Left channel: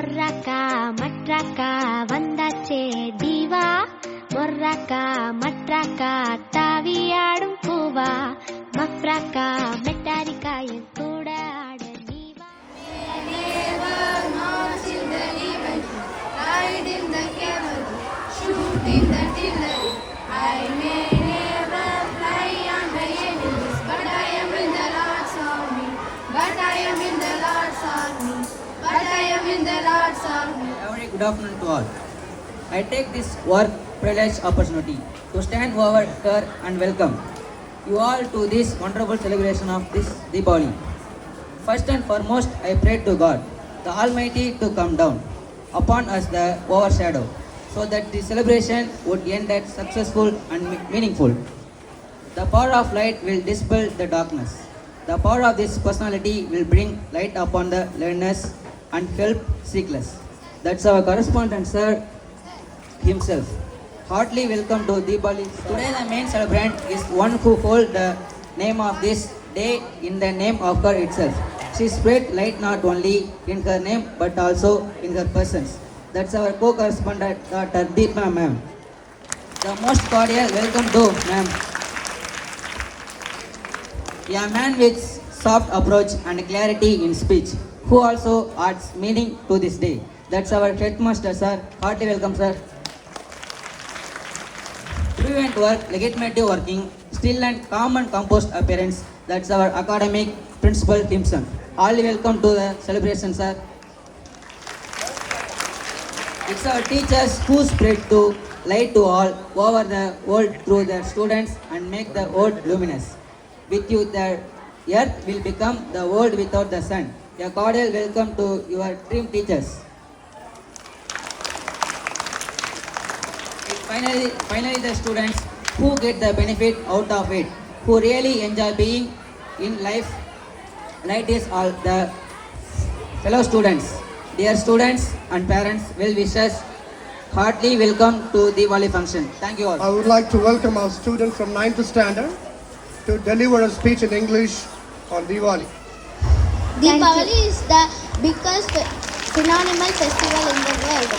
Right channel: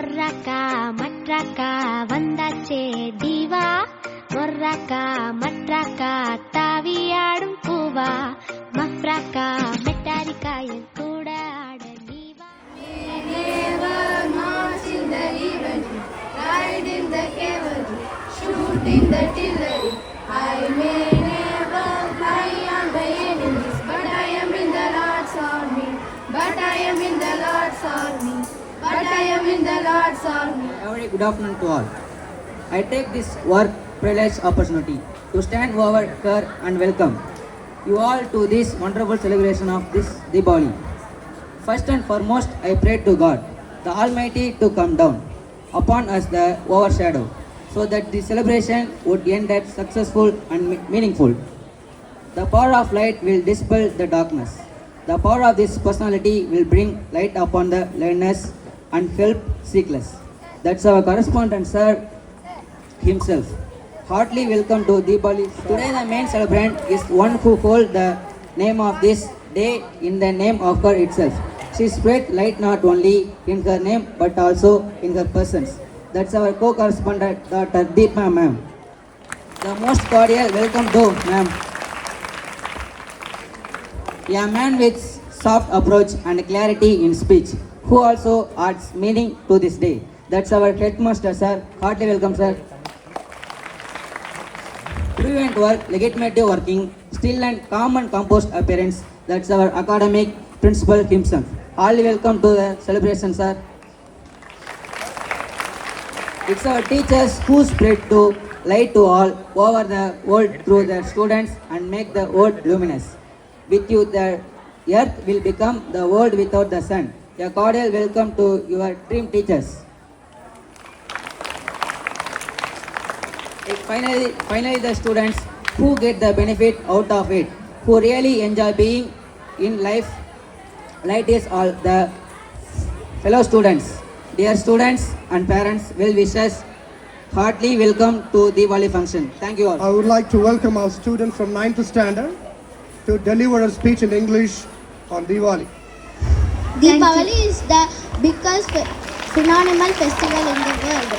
மொர்ராக்கா மற்றாக்கா வந்தாச்சே தீவா, மொர்ராக்கா மற்றாக்கா தாவியாடும் பூவா, மஃப்ராக்கா மெட்டாரிக்கா என் கூட ஆட நீவா. Ride in the cavalry, shoot in the artillery. I may never fly on the enemies, but I am in the Lord's army. But I am in the Lord's army. But I am in the Lord's army. Very good afternoon to all. I take this work privilege opportunity to stand over here and welcome you all to this wonderful celebration of this Diwali. First and foremost, I pray to God, the Almighty, to come down upon us the overshadow, so that the celebration would end at successful and meaningful. The power of light will dispel the darkness. The power of this personality will bring light upon the learners and help seekless. That's our correspondent sir himself. Heartily welcome to Diwali. Today the main celebrant is one who holds the name of this day in the name of her itself. She spread light not only in her name but also in her presence. That's our co-correspondent Dr. Deepa ma'am. The most cordial welcome to ma'am. A man with soft approach and clarity in speech, who also adds meaning to this day. That's our headmaster sir. Heartily welcome sir. Brilliant work, legitimate working, still and calm and composed appearance. That's our academic principal himself. All welcome to the celebration sir. It's our teachers who spread to light to all over the world through their students and make the world luminous. With you the earth will become the world without the sun. A cordial welcome to your dream teachers. Finally the students who get the benefit out of it, who really enjoy being in life. Light is all the fellow students. Dear students and parents, well wishers, heartily welcome to the Diwali function. Thank you all. I would like to welcome our student from 9th standard to deliver a speech in English on Diwali. Diwali is the biggest phenomenal festival in the world.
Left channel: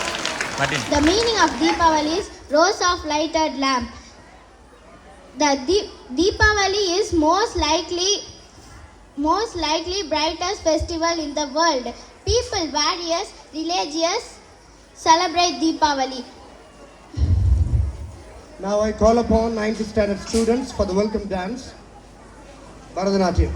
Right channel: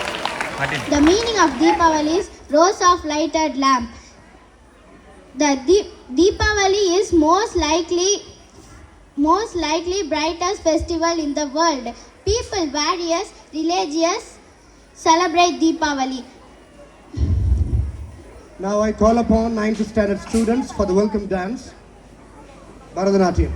The meaning of Diwali is rows of lighted lamp. The Diwali is most likely brightest festival in the world. People, various religions celebrate Diwali. Now I call upon 9th standard students for the welcome dance, Bharatanatyam.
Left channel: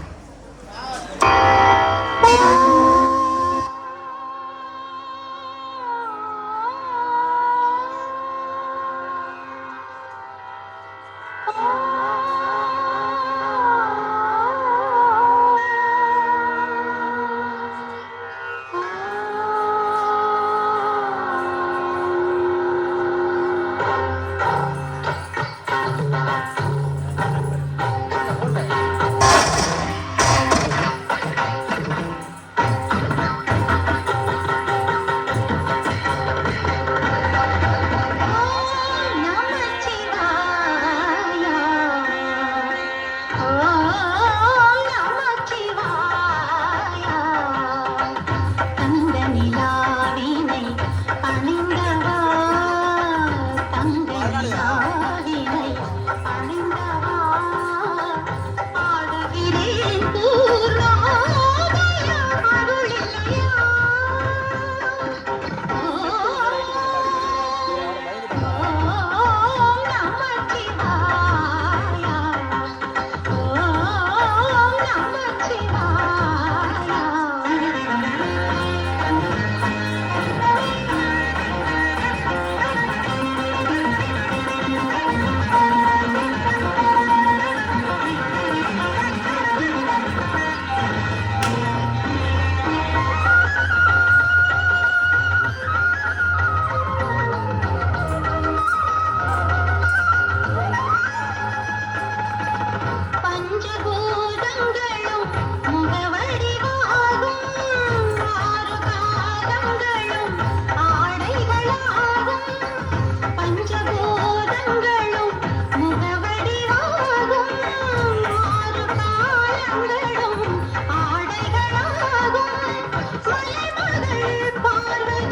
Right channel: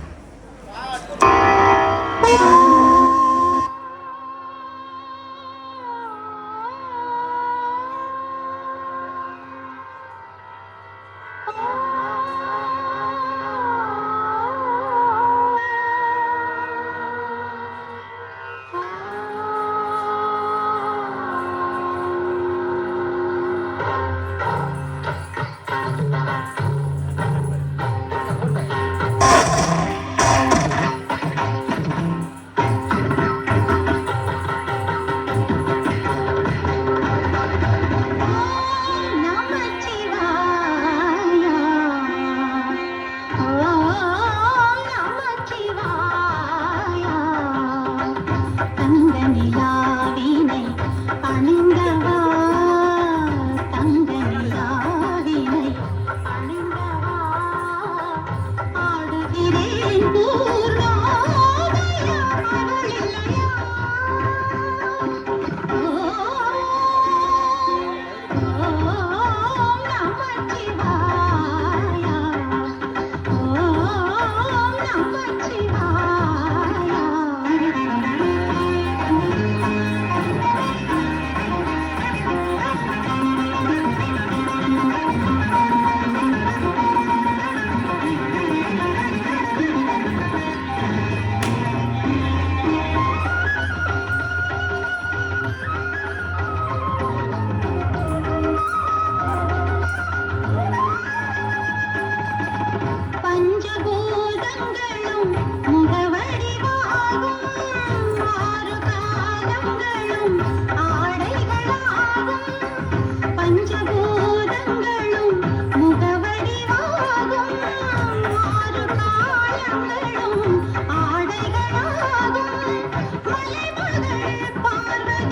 Parvathi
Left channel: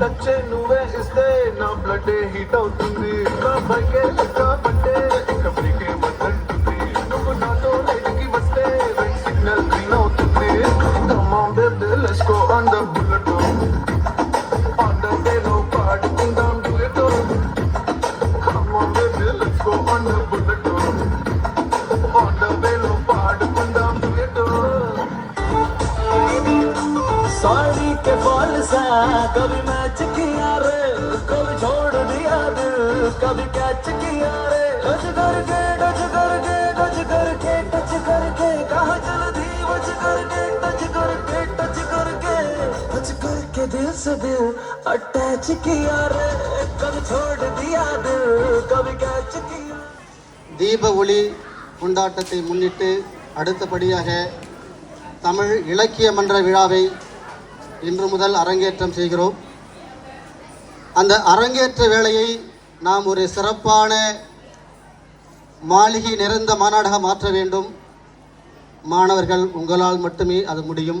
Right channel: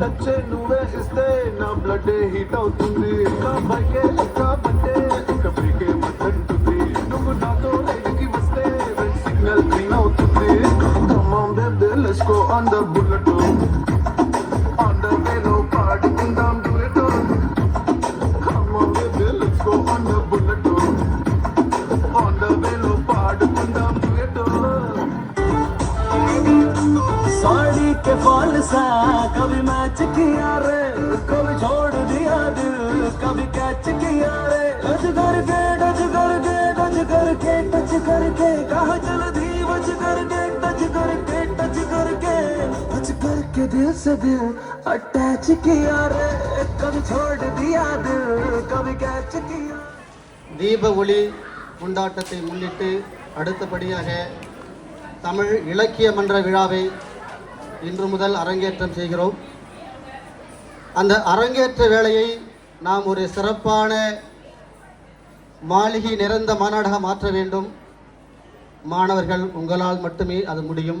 touch నువ్వే ఇస్తే నా blood heat అవుతుంది బైకే పట్టే కబరికి మతుంటుంది నువ్వు నాతో లైన్కి వస్తే red signal green అవుతుంది come on baby let's go on the bullet on the వేలో పాడుకుందాం duet come on baby let's go on the bullet on the వేలో పాడుకుందాం డ్యూయట్ साड़ी के फॉल सा कभी मैच किया रे कभी छोड़ दिया दिल कभी कैच किया रे टच करके टच करके टच करके टच करके कहा जल्दी बच करके टच करके टच करके टच करके दिल से दिल अटैच किया रे कभी छोड़ दिया दिल कभी कैच किया தீப ஒளி கொண்டாட்டத்தை முன்னிட்டு அடுத்தபடியாக தமிழ் இலக்கிய மன்ற விழாவை இன்று முதல் அரங்கேற்றம் செய்கிறோம். அந்த அரங்கேற்ற வேளையை நாம் ஒரு சிறப்பான மாளிகை நிறைந்த மாநாடாக மாற்ற வேண்டும். மாணவர்கள் உங்களால் மட்டுமே அது முடியும்.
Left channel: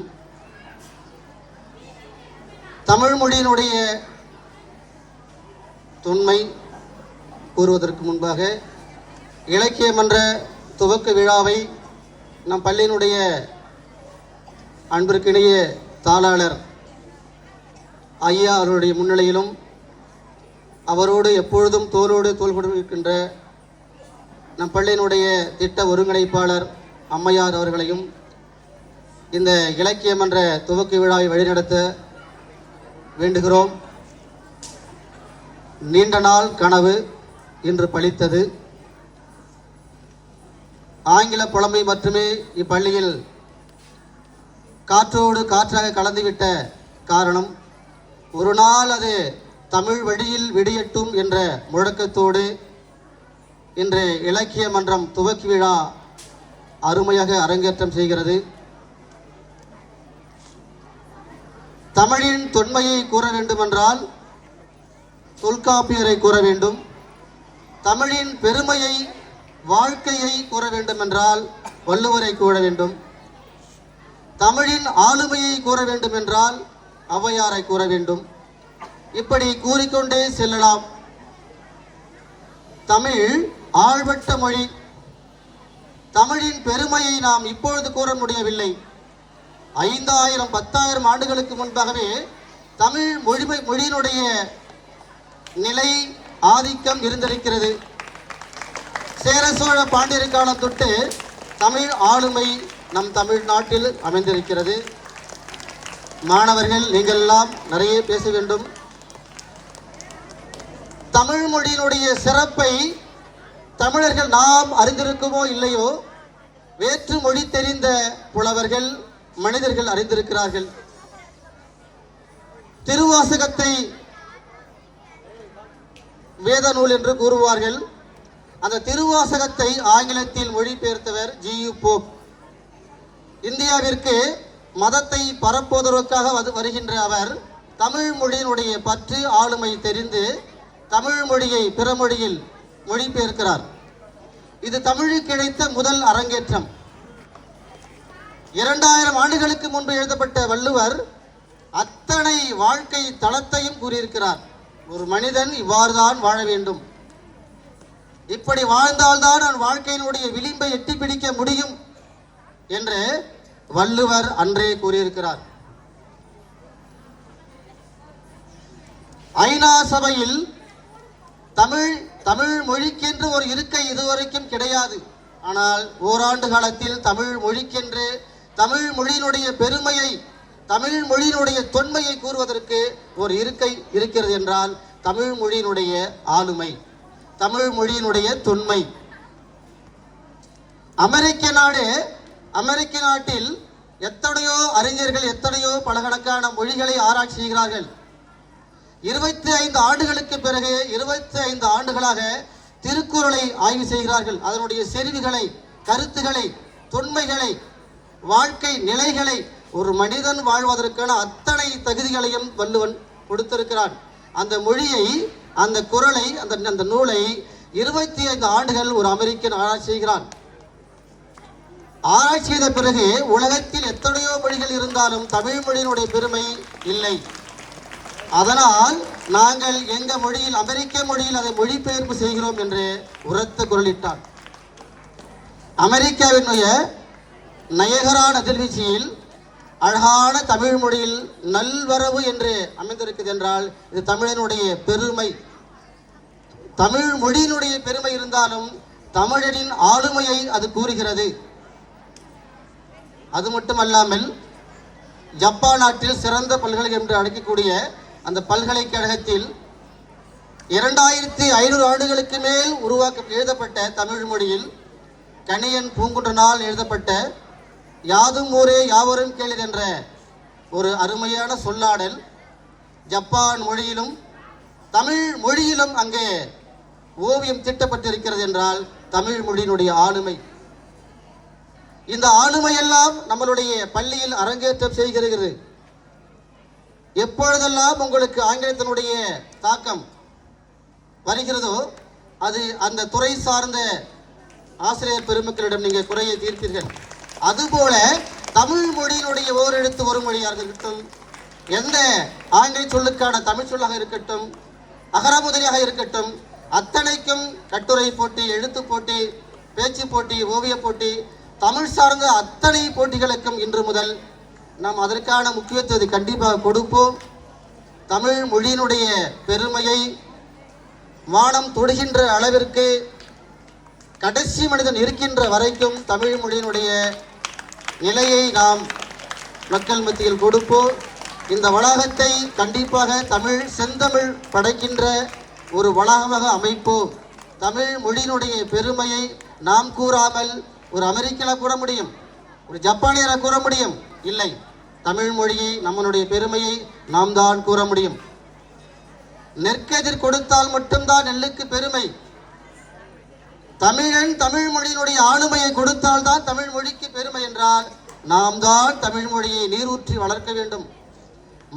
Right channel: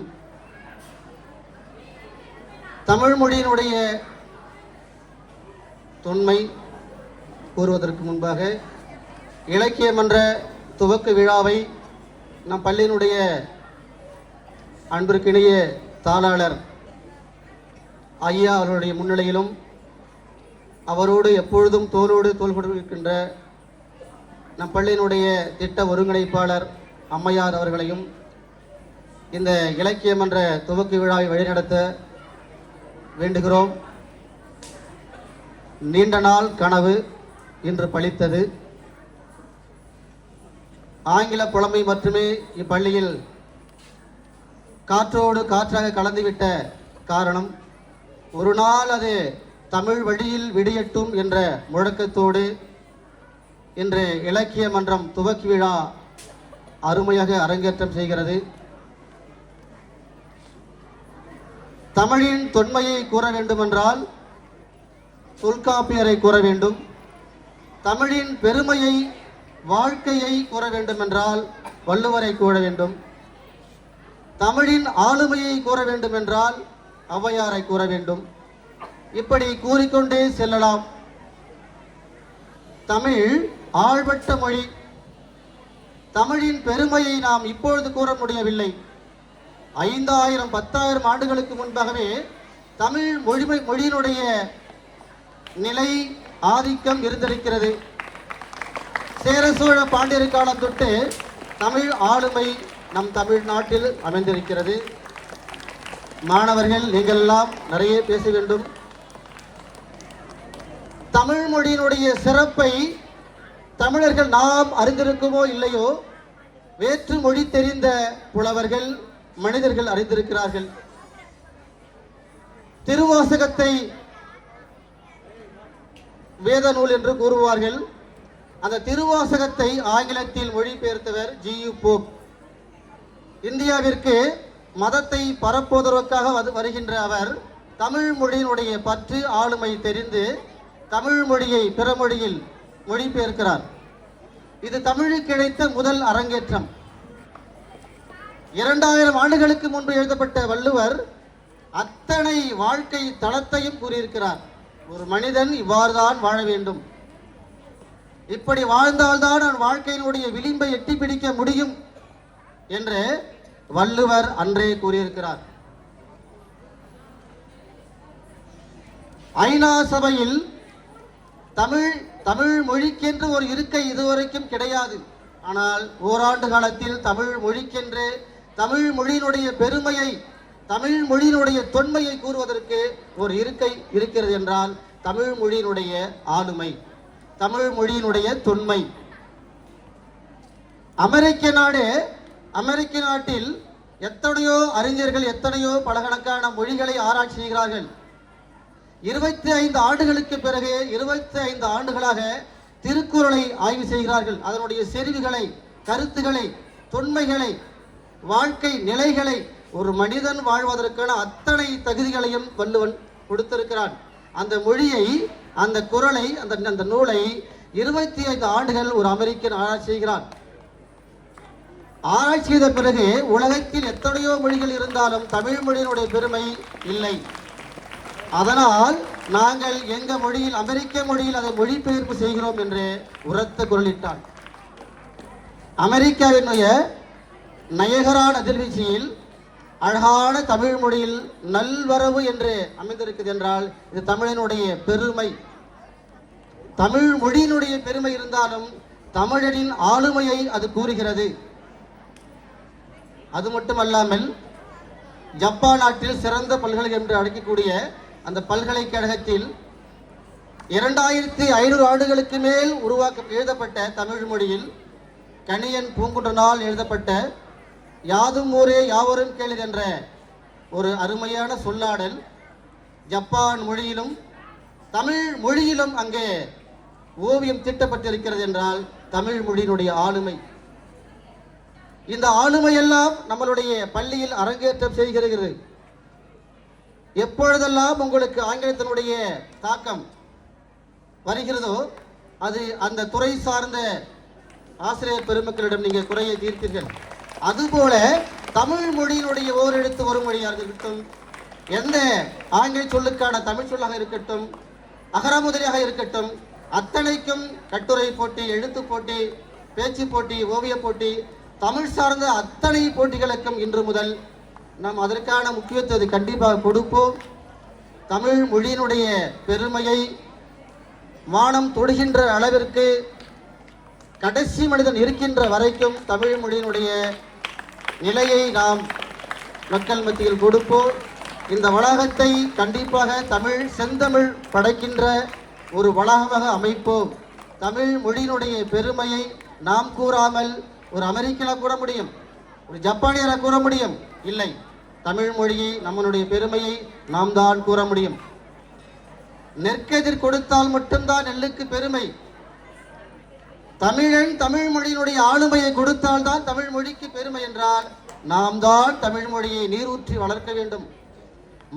தமிழ் மொழியினுடைய தொன்மை கூறுவதற்கு முன்பாக இலக்கிய மன்ற துவக்க விழாவை நம் பள்ளியினுடைய அன்பிற்கினிய தாளாளர் ஐயா அவருடைய முன்னிலையிலும் அவரோடு எப்பொழுதும் தோளோடு தோள் கொடுக்கின்ற நம் பள்ளியினுடைய திட்ட ஒருங்கிணைப்பாளர் அம்மையார் அவர்களையும் இந்த இலக்கிய மன்ற துவக்க விழாவை வழிநடத்த வேண்டுகிறோம். நீண்ட நாள் கனவு இன்று பலித்தது. ஆங்கில புலமை மட்டுமே இப்பள்ளியில் காற்றோடு காற்றாக கலந்துவிட்ட காரணம் ஒரு நாள் அது தமிழ் வழியில் விடியட்டும் என்ற முழக்கத்தோடு இன்று இலக்கிய மன்றம் துவக்கி விழா அருமையாக அரங்கேற்றம் செய்கிறது. தமிழின் தொன்மையை கூற வேண்டுமென்றால் தொல்காப்பியரை கூற வேண்டும். தமிழின் பெருமையை வாழ்க்கையை கூற வேண்டுமென்றால் வள்ளுவரை கூற வேண்டும். தமிழின் ஆளுமையை கூற வேண்டும் என்றால் ஔவையாரை கூற வேண்டும். இப்படி கூறிக்கொண்டே செல்லலாம். தமிழ் ஆழ்பட்ட மொழி. தமிழின் பெருமையை நாம் இப்பொழுது கூற முடியவில்லை. 5000 10,000 ஆண்டுகளுக்கு முன்பாகவே தமிழ் மொழியினுடைய நிலை ஆதிக்கம் இருந்திருக்கிறது. சேர சோழ பாண்டியர் காலம் தொட்டு தமிழ் ஆளுமை நம் தமிழ்நாட்டில் அமைந்திருக்கிறது. மாணவர்கள் நீங்கள் எல்லாம் நிறைய பேச வேண்டும். தமிழ் மொழியினுடைய சிறப்பை தமிழர்கள் நாம் அறிந்திருக்குமோ இல்லையோ, வேற்று மொழி தெரிந்த புலவர்கள் மனிதர்கள் அறிந்திருக்கிறார்கள். திருவாசகத்தை வேத நூல் என்று கூறுவார்கள். அந்த திருவாசகத்தை ஆங்கிலத்தில் மொழிபெயர்த்தவர் ஜி.யு. போப். இந்தியாவிற்கு மதத்தை பரப்புவதற்காக வருகின்ற அவர் தமிழ் மொழியினுடைய பற்று ஆளுமை தெரிந்து தமிழ் மொழியை பிற மொழியில் மொழிபெயர்க்கிறார். இது தமிழுக்கு கிடைத்த முதல் அரங்கேற்றம். 2000 ஆண்டுகளுக்கு முன்பு எழுதப்பட்ட வள்ளுவர் அத்தனை வாழ்க்கை தளத்தையும் கூறியிருக்கிறார். ஒரு மனிதன் இவ்வாறுதான் வாழ வேண்டும், இப்படி வாழ்ந்தால்தான் அவன் வாழ்க்கையினுடைய விளிம்பை எட்டி பிடிக்க முடியும் என்று வள்ளுவர் அன்றே கூறியிருக்கிறார். ஐநா சபையில் தமிழ் மொழிக்கென்று ஒரு இருக்கை இதுவரைக்கும் கிடையாது. ஆனால் ஓராண்டு காலத்தில் தமிழ் மொழிக்கென்று தமிழ் மொழியினுடைய பெருமையை, தமிழ் மொழியினுடைய தொன்மையை கூறுவதற்கு ஒரு இருக்கை இருக்கிறது என்றால் தமிழ் மொழியினுடைய ஆளுமை, தமிழ் மொழியினுடைய தொன்மை. அமெரிக்க நாட்டில் எத்தனையோ அறிஞர்கள் எத்தனையோ பலகணக்கான மொழிகளை ஆராய்ச்சி செய்கிறார்கள். 25 ஆண்டுகளுக்கு பிறகு 25 ஆண்டுகளாக திருக்குறளை ஆய்வு செய்கிறார்கள். அதனுடைய செறிவுகளை, கருத்துக்களை, தொன்மைகளை, வாழ்க்கை நிலைகளை, ஒரு மனிதன் வாழ்வதற்கான அத்தனை தகுதிகளையும் வள்ளுவன் கொடுத்திருக்கிறான். அந்த மொழியை, அந்த குறளை, அந்த நூலை 25 ஆண்டுகள் ஒரு அமெரிக்கன் ஆராய்ச்சி செய்கிறான். ஆராய்ச்சி செய்த பிறகு உலகத்தில் எத்தனையோ மொழிகள் இருந்தாலும் தமிழ் மொழியினுடைய பெருமை இல்லை. அதனால் நாங்கள் எங்க மொழியில் அமெரிக்க மொழியில் அதை மொழிபெயர்ப்பு செய்கிறோம் என்று உரத்த குரலிட்டான். அமெரிக்காவினுடைய நயகரா நதிர்வீழ்ச்சியில் அழகான தமிழ் மொழியில் நல்வரவு என்று அமைந்திருக்குது என்றால் இது தமிழனுடைய பெருமை. தமிழ் மொழியினுடைய பெருமை இருந்தாலும் தமிழனின் ஆளுமையை அது கூறுகிறது. அது மட்டுமல்லாமல் ஜப்பான் நாட்டில் சிறந்த பல்கலைக்கழகம் என்று அழைக்கக்கூடிய அந்த பல்கலைக்கழகத்தில் 2500 ஆண்டுகளுக்கு மேல் எழுதப்பட்ட தமிழ் மொழியில் கணியன் பூங்குன்றனால் எழுதப்பட்ட யாதும் ஊரே யாவரும் கேளீர் என்ற ஒரு அருமையான சொல்லாடல் ஜப்பான் மொழியிலும் தமிழ் மொழியிலும் அங்கே ஓவியம் தீட்டப்பட்டிருக்கிறது என்றால் தமிழ் மொழியினுடைய ஆளுமை. இந்த ஆளுமையெல்லாம் நம்மளுடைய பள்ளியில் அரங்கேற்றம் செய்கிறது. எப்பொழுதெல்லாம் உங்களுக்கு ஆங்கிலத்தினுடைய தாக்கம் வருகிறதோ அது அந்த துறை சார்ந்த ஆசிரியர் பெருமக்களிடம் நீங்கள் குறையை தீர்ப்பீர்கள். அதுபோல தமிழ் மொழியினுடைய ஓரெழுத்து ஒரு மொழியாக இருக்கட்டும், எந்த ஆங்கில சொல்லுக்கான தமிழ் சொல்லாக இருக்கட்டும், அகரமுதலியாக இருக்கட்டும், அத்தனைக்கும் கட்டுரை போட்டி, எழுத்து போட்டி, பேச்சு போட்டி, ஓவிய போட்டி, தமிழ் சார்ந்த அத்தனை போட்டிகளுக்கும் இன்று முதல் நாம் அதற்கான முக்கியத்துவத்தை கண்டிப்பாக கொடுப்போம். தமிழ் மொழியினுடைய பெருமையை வானம் தொடுகின்ற அளவிற்கு கடைசி மனிதன் இருக்கின்ற வரைக்கும் தமிழ் மொழியினுடைய நிலையை நாம் மக்கள் மத்தியில் கொடுப்போம். இந்த வளாகத்தை கண்டிப்பாக தமிழ் செந்தமிழ் படைக்கின்ற ஒரு வளாகமாக அமைப்போம். தமிழ் மொழியினுடைய பெருமையை நாம் கூறாமல் ஒரு அமெரிக்கா கூற முடியும், ஒரு ஜப்பானியரை கூற முடியும்? இல்லை. தமிழ் மொழியை நம்மளுடைய பெருமையை நாம் தான் கூற முடியும். நெற்கெதிர் கொடுத்தால் மட்டும்தான் நெல்லுக்கு பெருமை. தமிழன் தமிழ் மொழியினுடைய ஆளுமையை கொடுத்தால் தான் தமிழ் மொழிக்கு பெருமை என்றால் நாம் தான் தமிழ் மொழியை நீரூற்றி வளர்க்க வேண்டும்.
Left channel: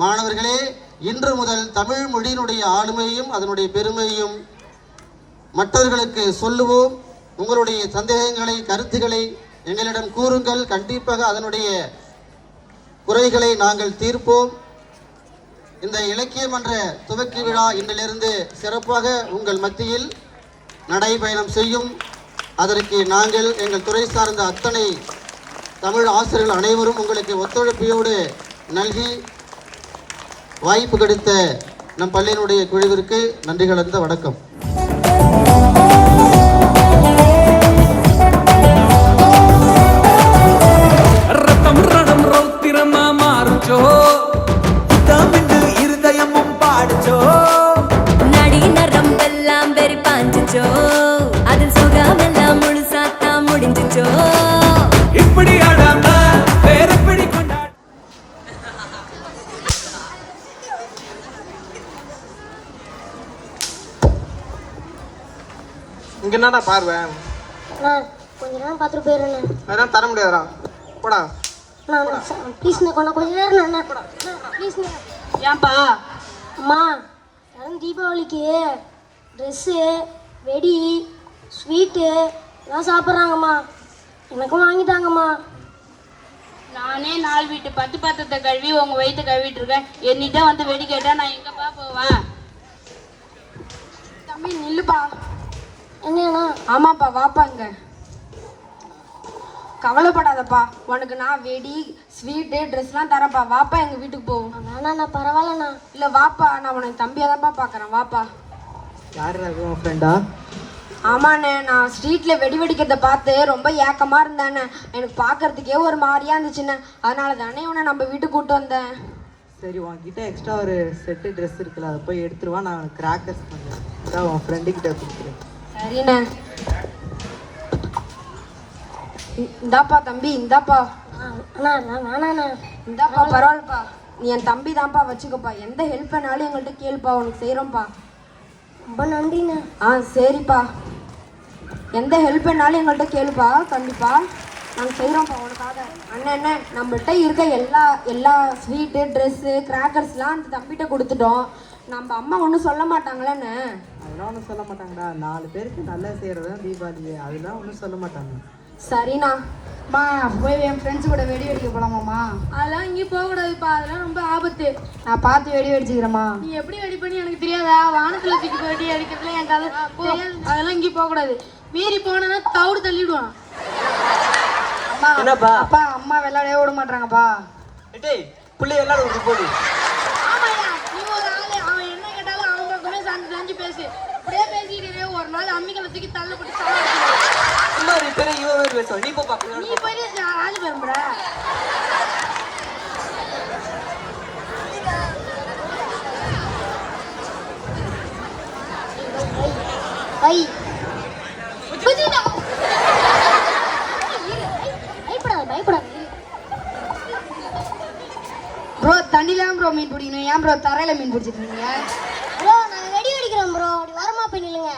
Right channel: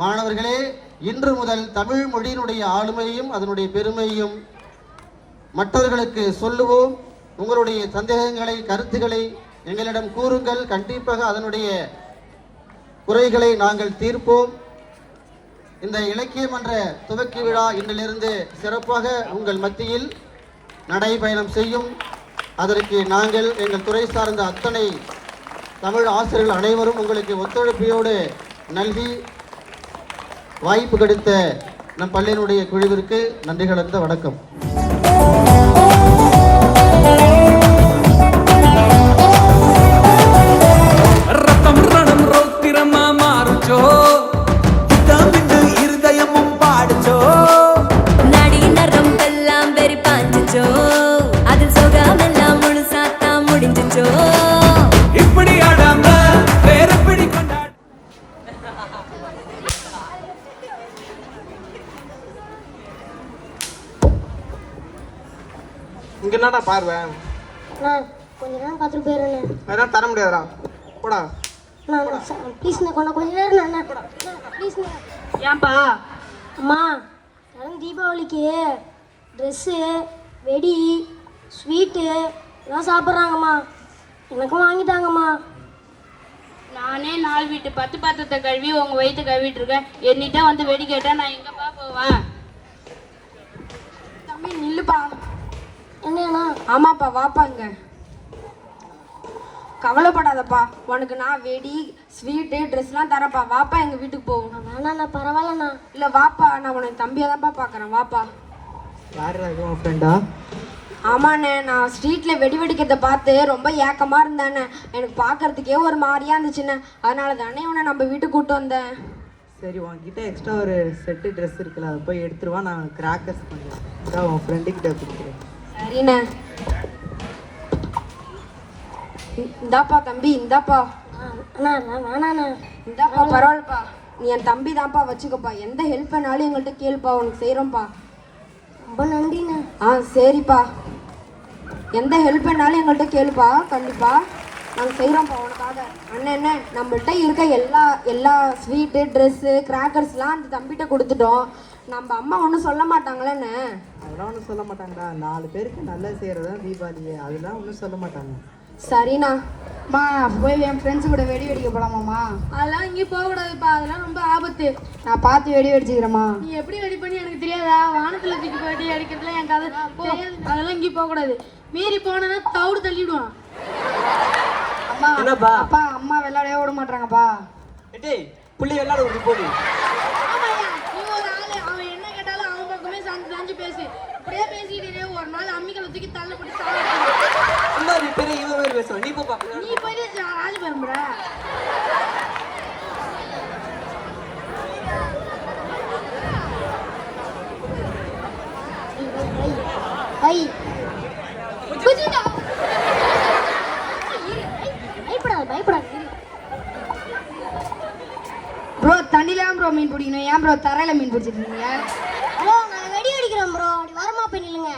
மாணவர்களே, இன்று முதல் தமிழ் மொழியினுடைய ஆளுமையையும் அதனுடைய பெருமையையும் மற்றவர்களுக்கு சொல்லுவோம். உங்களுடைய சந்தேகங்களை, கருத்துக்களை எங்களிடம் கூறுங்கள். கண்டிப்பாக அதனுடைய குறைகளை நாங்கள் தீர்ப்போம். இந்த இலக்கிய மன்ற துவக்கி விழா இன்றிலிருந்து சிறப்பாக உங்கள் மத்தியில் நடைபயணம் செய்யும். அதற்கு நாங்கள் எங்கள் துறை சார்ந்த அத்தனை தமிழ் ஆசிரியர்கள் அனைவரும் உங்களுக்கு ஒத்துழைப்பையோடு நல்கி வாய்ப்பு கிடைத்த நம் பள்ளியினுடைய குழுவிற்கு நன்றி கலந்த வணக்கம். ரத்தம் ரணம் ரௌத்திரமா மாறுச்சோ, தமிழ் இருதயமும் பாடுச்சோ, நடி நரம்பெல்லாம் வெறி பாஞ்சுச்சோ, அதில் சுகமெல்லாம் முழுசாத்தா முடிஞ்சுச்சோ. இப்படி ஆடாம வேற பிடி கொண்டாட இங்க என்னடா பார்வை? கொஞ்ச நேரம் பார்த்துட்டு போயிடுறேன். அதான் தர முடியாதுடா, போடா. ப்ளீஸ் கொஞ்ச நேரம் போடா ப்ளீஸ். ஏன்பா? அம்மா, யாரும் தீபாவளிக்கு ட்ரெஸ்ஸு, வெடி, ஸ்வீட்டு எல்லாம் சாப்பிட்றாங்கம்மா. எனக்கும் வாங்கிட்டாங்கம்மா. நானே 4 வீட்டு பத்து பாத்திரத்தை கழுவி உங்க வயிற்று கழுவிட்டு இருக்கேன். என்னிட்ட வந்து வெடி கேட்டா நான் எங்கப்பா போவேன்? தம்பி நில்லுப்பா. என்னண்ணா? ஆமாப்பா, வாப்பாங்க. கவலைப்படாதப்பா, உனக்கு நான் வெடி, ஸ்வீட்டு, ட்ரெஸ்லாம் தரேன்ப்பா. வாப்பா, எங்கள் வீட்டுக்கு போகணும். வேணாண்ணா, பரவாயில்லண்ணா. இல்லை வாப்பா, நான் உனக்கு தம்பியாக தான்ப்பா பார்க்குறேன். வாப்பா. யாருடா உன் ஃப்ரெண்டா? ஆமாண்ணே, நான் ஸ்ட்ரீட்டில் வெடி வெடிக்கிறத பார்த்து ரொம்ப ஏக்கமாக இருந்தேண்ணே. எனக்கு பார்க்கறதுக்கே ஒரு மாதிரியாக இருந்துச்சுண்ணே. அதனால தானே உன்னை நம்ம வீட்டுக்கு கூப்பிட்டு வந்தேன். சரி, உன்கிட்ட எக்ஸ்ட்ரா ஒரு செட்டு ட்ரெஸ் இருக்குல்ல, அதை போய் எடுத்துருவா. நான் கிராக்கர்ஸ் பண்ணுறேன். உன் ஃப்ரெண்டுக்கிட்ட கொடுக்குறேன். சரிண்ணே. இந்தாப்பா தம்பி, இந்தாப்பா. அண்ணா வேணாண்ணா. இந்தாப்பா, பரவாயில்லப்பா. நீ என் தம்பி தான்ப்பா, வச்சுக்கப்பா. எந்த ஹெல்ப் பண்ணாலும் எங்கள்கிட்ட கேளுப்பா, உனக்கு செய்கிறோம்ப்பா. ரொம்ப நன்றிண்ணா. சரிப்பா. எந்த ஹெல்ப் பண்ணாலும் எங்கள்கிட்ட கேளுப்பா, கண்டிப்பா நாங்கள் செய்கிறோம்ப்பா உனக்காக. அண்ணன் நம்மள்கிட்ட இருக்க எல்லா ஸ்வீட்டு, ட்ரெஸ்ஸு, கிராக்கர்ஸ்லாம் அந்த தம்பிகிட்ட கொடுத்துட்டோம். நம்ம அம்மா ஒன்றும் சொல்ல மாட்டாங்களேண்ணே? அதெல்லாம் ஒன்றும் சொல்ல மாட்டாங்கண்ணா. 4 பேருக்கு நல்லா செய்கிறது தான் தீபாவளி. அதெல்லாம் ஒன்றும் சொல்ல மாட்டாங்க. சரிண்ணா. போய் என் ஃப்ரெண்ட்ஸ் கூட வெடி வெடிக்க போலாமாம்மா? அதெல்லாம் இங்கே போகக்கூடாதுப்பா, அதெல்லாம் ரொம்ப ஆபத்து. நான் பார்த்து வெடி வெடிச்சுக்கிறேம்மா. நீ எப்படி வெடி பண்ணி எனக்கு தெரியாதா? வானத்துல தூக்கி வெடி அடிக்கிறதுல என் கதை அதெல்லாம் இங்கே போகக்கூடாது. மீறி போனா தவிடு தள்ளிடுவான். என்னப்பா? அப்பா அம்மா விளையாடவே விட மாட்டாங்கப்பா. டேய் புள்ளி எல்லாரும் விட்டு போடு. ஆமாய்யா, நீ ஒரு ஆளு, அவன் என்ன கேட்டாலும் அவன் பக்கமே சாஞ்சு பேசு. அப்படியே பேசிக்கிட்டே ஒரு நாள் அம்மிகளை தூக்கி தள்ள இவன் பேசுவான். நீ போ பாக்கலாம். நீ போயிட்டு ராஜு மேம்பட ப்ரோ தண்ணிலாம் ப்ரோ மீன் பிடிக்கணும். ஏன் ப்ரோ தரையில மீன் பிடிச்சிட்டு இருக்கீங்க? ப்ரோ நான் வெடி வெடிக்கிறோம் ப்ரோ. அப்படி வரமா போய் நில்லுங்க.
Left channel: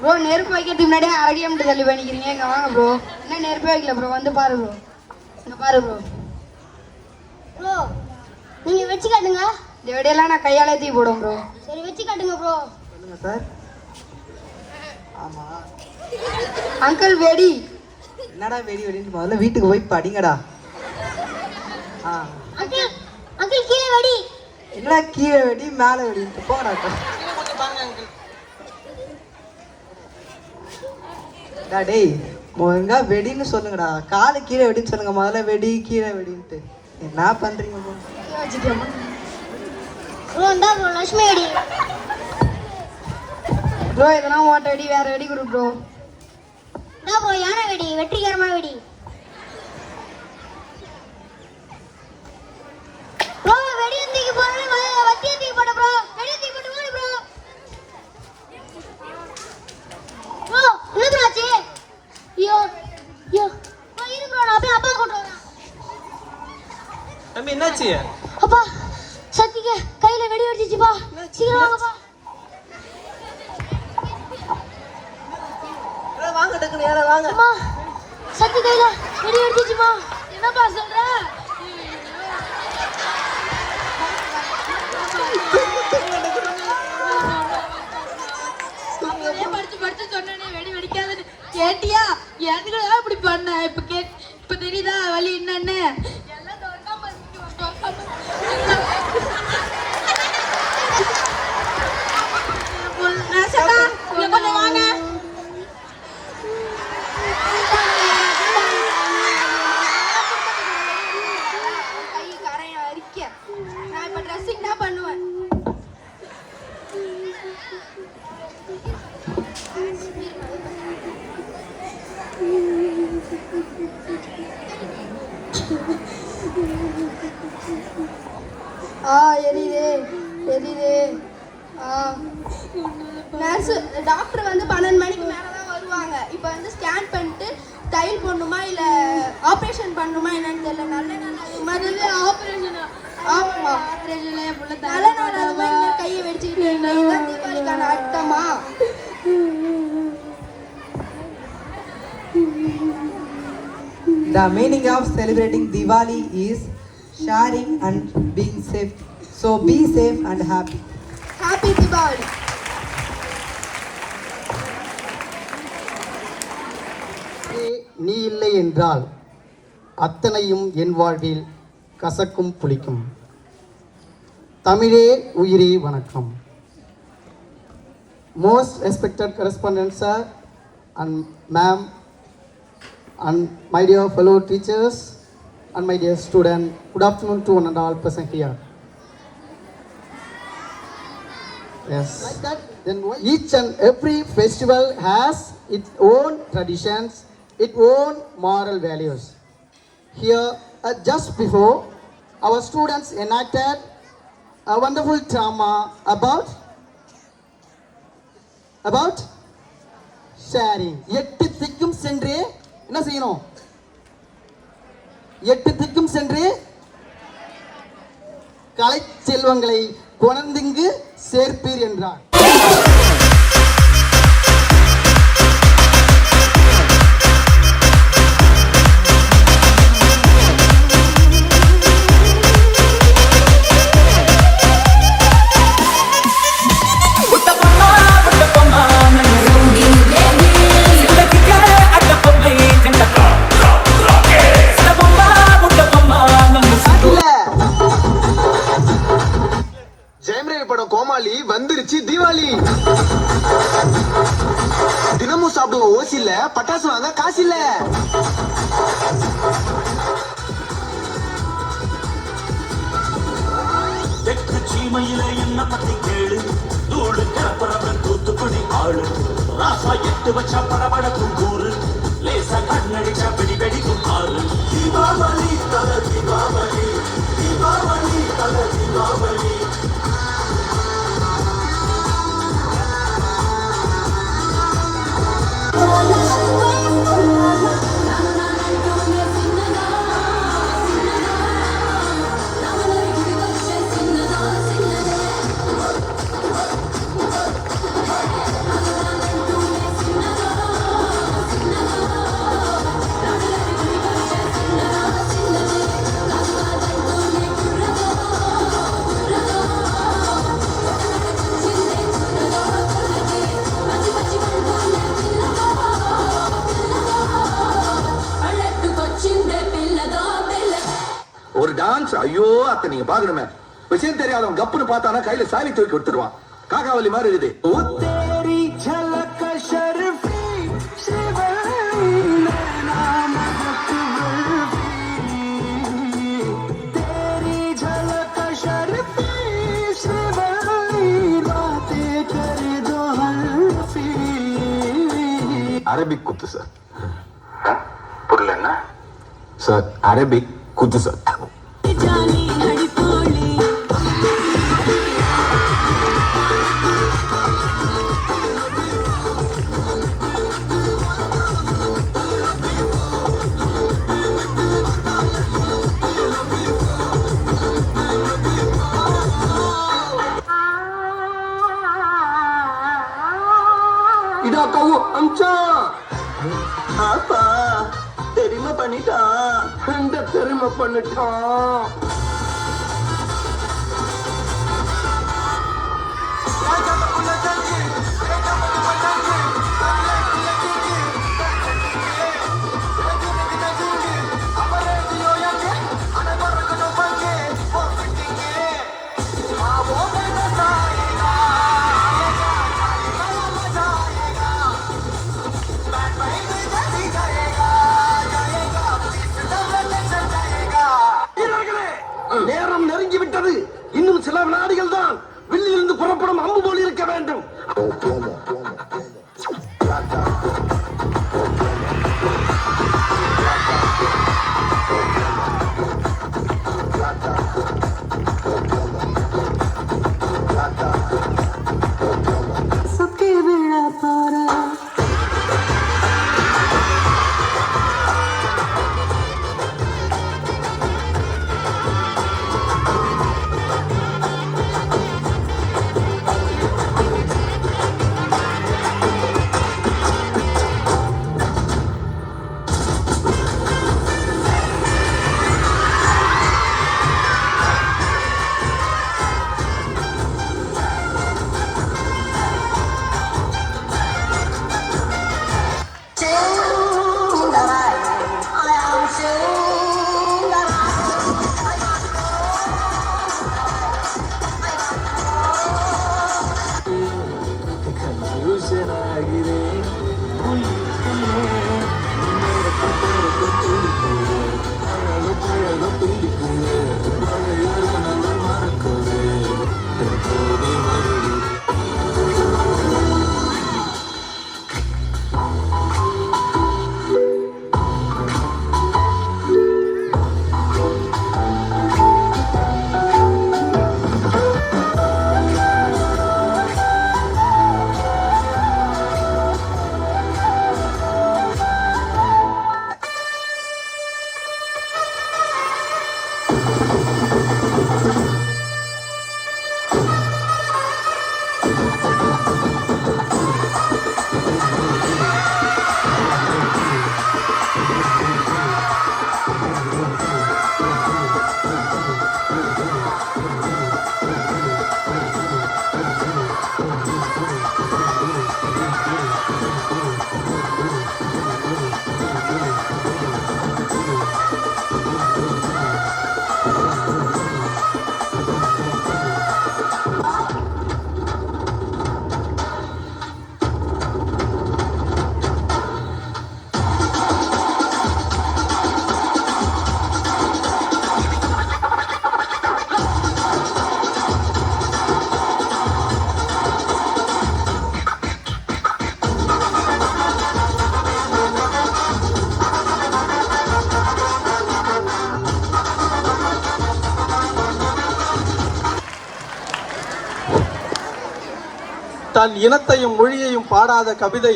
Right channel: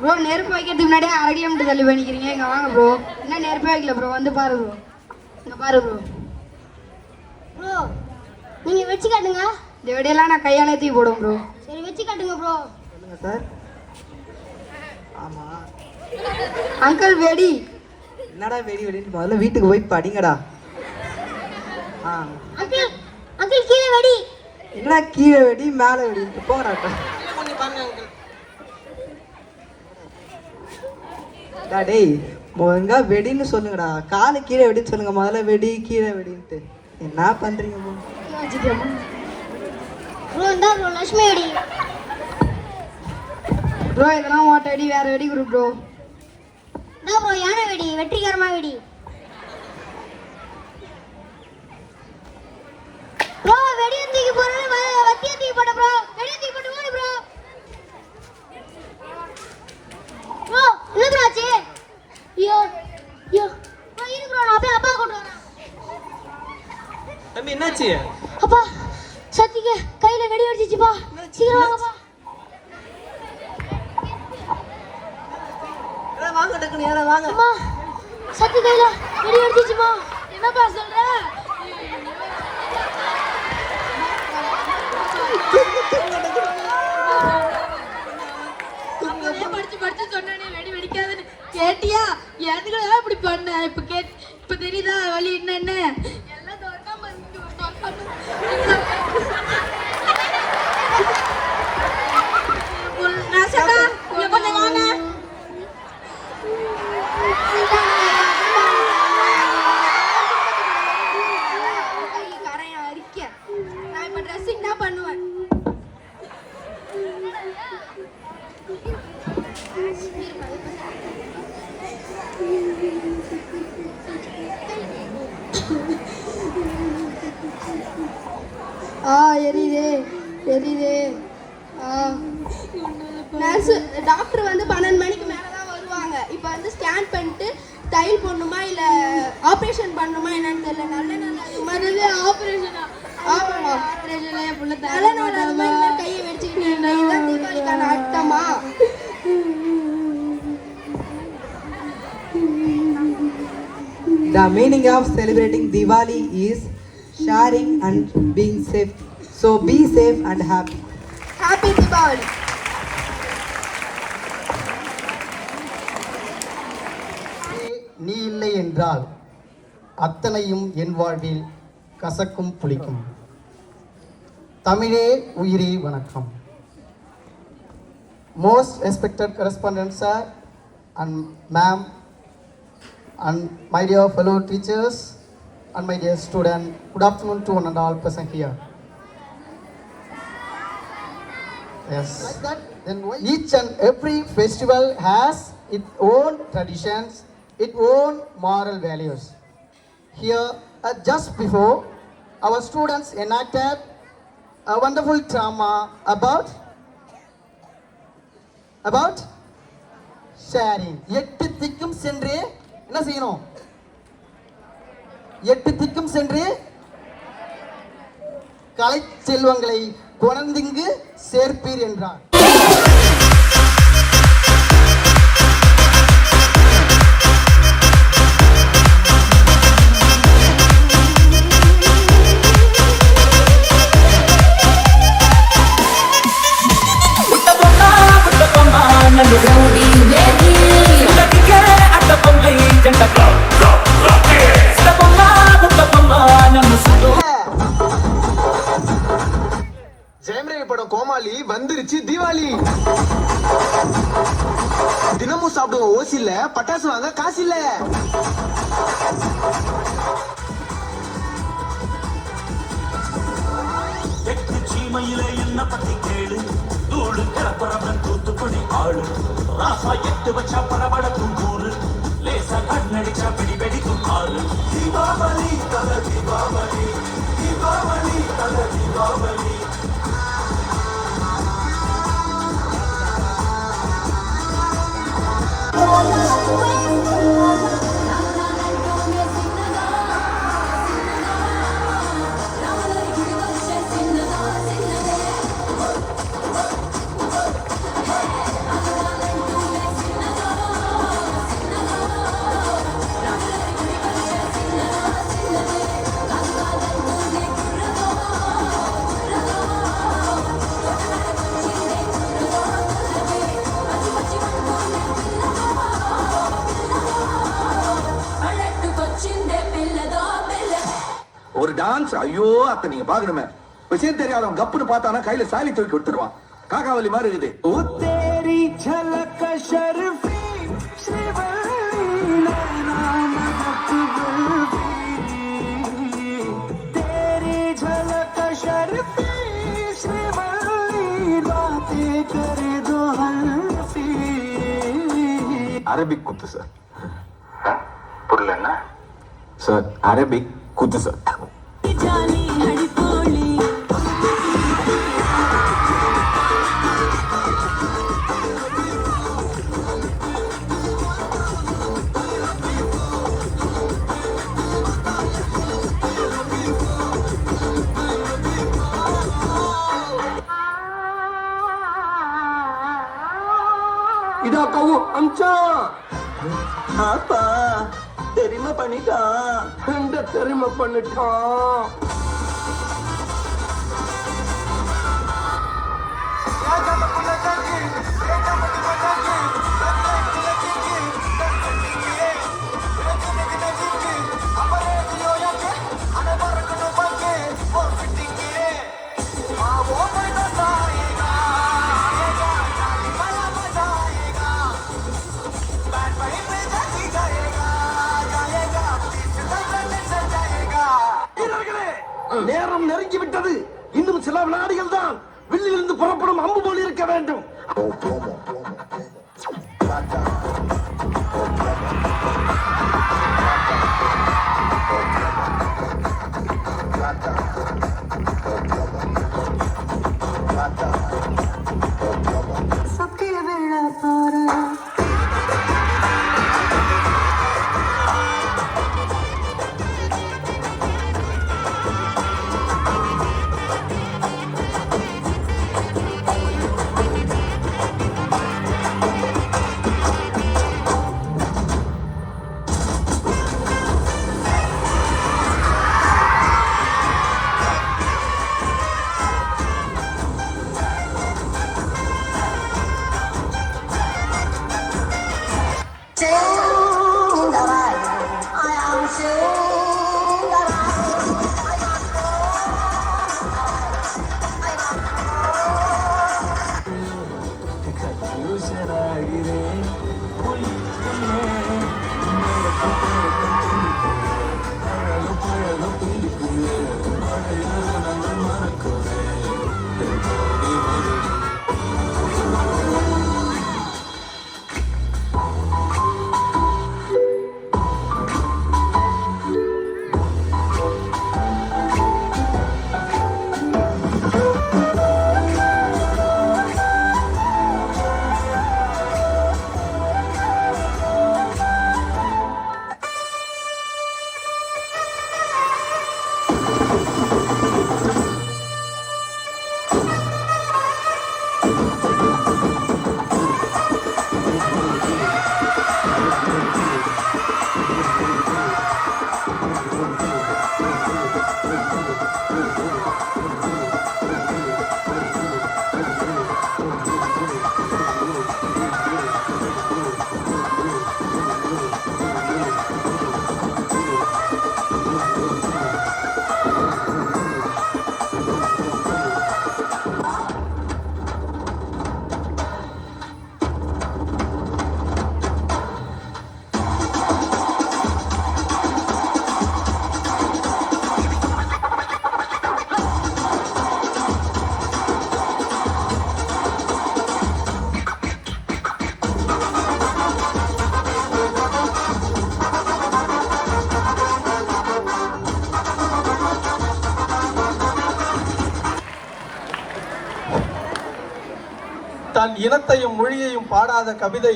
ப்ரோ நெருப்பு வைக்கிறதுக்கு முன்னாடி 1/2 கிலோமீட்டர் தள்ளி பண்ணிக்கிறீங்க. இங்க வாங்க ப்ரோ. என்ன நெருப்பு வைக்கல ப்ரோ, வந்து பாரு ப்ரோ. இங்க பாரு ப்ரோ. ப்ரோ நீங்க வெச்சு காட்டுங்க. இந்த வெடியெல்லாம் நான் கையாலே தூக்கி போடுவேன் ப்ரோ. சரி வெச்சு காட்டுங்க ப்ரோ. சொல்லுங்க சார். அங்கிள் வெடி. என்னடா வெடி வெடின்னு முதல்ல வீட்டுக்கு போய் படிங்கடா. அங்கிள் அங்கிள் கீழே வெடி. என்ன கீழே வெடி மேலே வெடி போங்கடா. டேய் ஒழுங்கா வெடின்னு சொல்லுங்கடா. காலை கீழே வெடின்னு சொல்லுங்க. முதல்ல வெடி கீழே வெடின்ட்டு என்ன பண்றீங்க ப்ரோ? இந்தா ப்ரோ லட்சுமி வெடி. ப்ரோ இதெல்லாம் ஓட்ட வெடி, வேற வெடி கொடு ப்ரோ. இந்தா ப்ரோ யானை வெடி, வெற்றிகரமா வெடி. ப்ரோ வெடி தூக்கி போறேன், வத்திய தூக்கி போடு ப்ரோ. வெடி தூக்கி போடு ஓடு ப்ரோ. ப்ரோ என்ன ப்ரோ ஆச்சு? ஐயோ ஐயோ ப்ரோ இரு ப்ரோ, நான் அப்படியே அப்பா கூட்டி வரேன். தம்பி என்னாச்சு? அப்பா சத்திக்கு கையில வெடி வெடிச்சிச்சுப்பா. சீக்கிரம் வாங்கப்பா. வாங்க டக்குனு யாரா வாங்க. அம்மா சத்தி கையில வெடி வெடிச்சிச்சுப்பா. என்னப்பா சொல்ற? படிச்சு சொன்னே வெடி வெடிக்காதுன்னு கேட்டியா? எதுக்குடா இப்படி பண்ண? இப்ப தெரியுதா வலி என்னன்னு? எல்லாம் தோற்காம கொஞ்சம் வாங்க. நான் இப்ப ட்ரெஸ்ஸிங் தான் பண்ணுவேன். எரியுது எரியுது. நர்ஸ் டாக்டர் வந்து 12 மணிக்கு மேலே தான் வருவாங்க. இப்போ வந்து ஸ்கேன் பண்ணிட்டு தையல் போடணுமா இல்லை ஆப்ரேஷன் பண்ணணுமா என்னன்னு தெரியல. நல்ல முதல்ல ஆபரேஷன் என் புள்ள கையை வச்சுக்கிட்டு இதுதான் தீபாவளிக்கான அர்த்தமா? The meaning of celebrating Diwali is sharing and being safe. So be safe and happy. Happy Deepavali. நீ இல்லை என்றால் அத்தனையும் என் வாழ்வில் கசக்கும் புளிக்கும். தமிழே உயிரே வணக்கம். Most respected correspondent sir and ma'am and my dear fellow teachers and my dear student, good afternoon to one and all present here. Yes. Then each and every festival has its own traditions, its own moral values. Here, just before, our students enacted a wonderful drama about sharing. 8 திக்கும் சென்று என்ன செய்யணும்? 8 திக்கும் சென்று கலை செல்வங்களை குழந்தைங்கு சேர்ப்பீர் என்றார். முட்டை பொண்ணா ஒரு டான்ஸ் ஐயோ அத்தை நீங்க பாக்கணுமே விஷயம் தெரியாதவன் கப்புன்னு பார்த்தானா கையில சாவி தூக்கி விட்டுருவான் காக்காவலி மாதிரி இருக்குது ஓ தேரி झलक शर्फी तेरी झलक शर्फी बातें करे दो हल्फी அரபிக் குத்து சார் புரியல சார் அரபிக் குத்து சார் இதாக்கவும் அம்சா அப்பா தெரியுமா பண்ணிட்டான் தெரியுமா பண்ணிட்டான் நேரம் நெருங்கிவிட்டது இன்னும் சில வினாடிகள் தான் வில்லிலிருந்து புறப்படும் அம்பு போல் இருக்க வேண்டும் தன் இனத்தையும் மொழியையும் பாடாத கவிதை,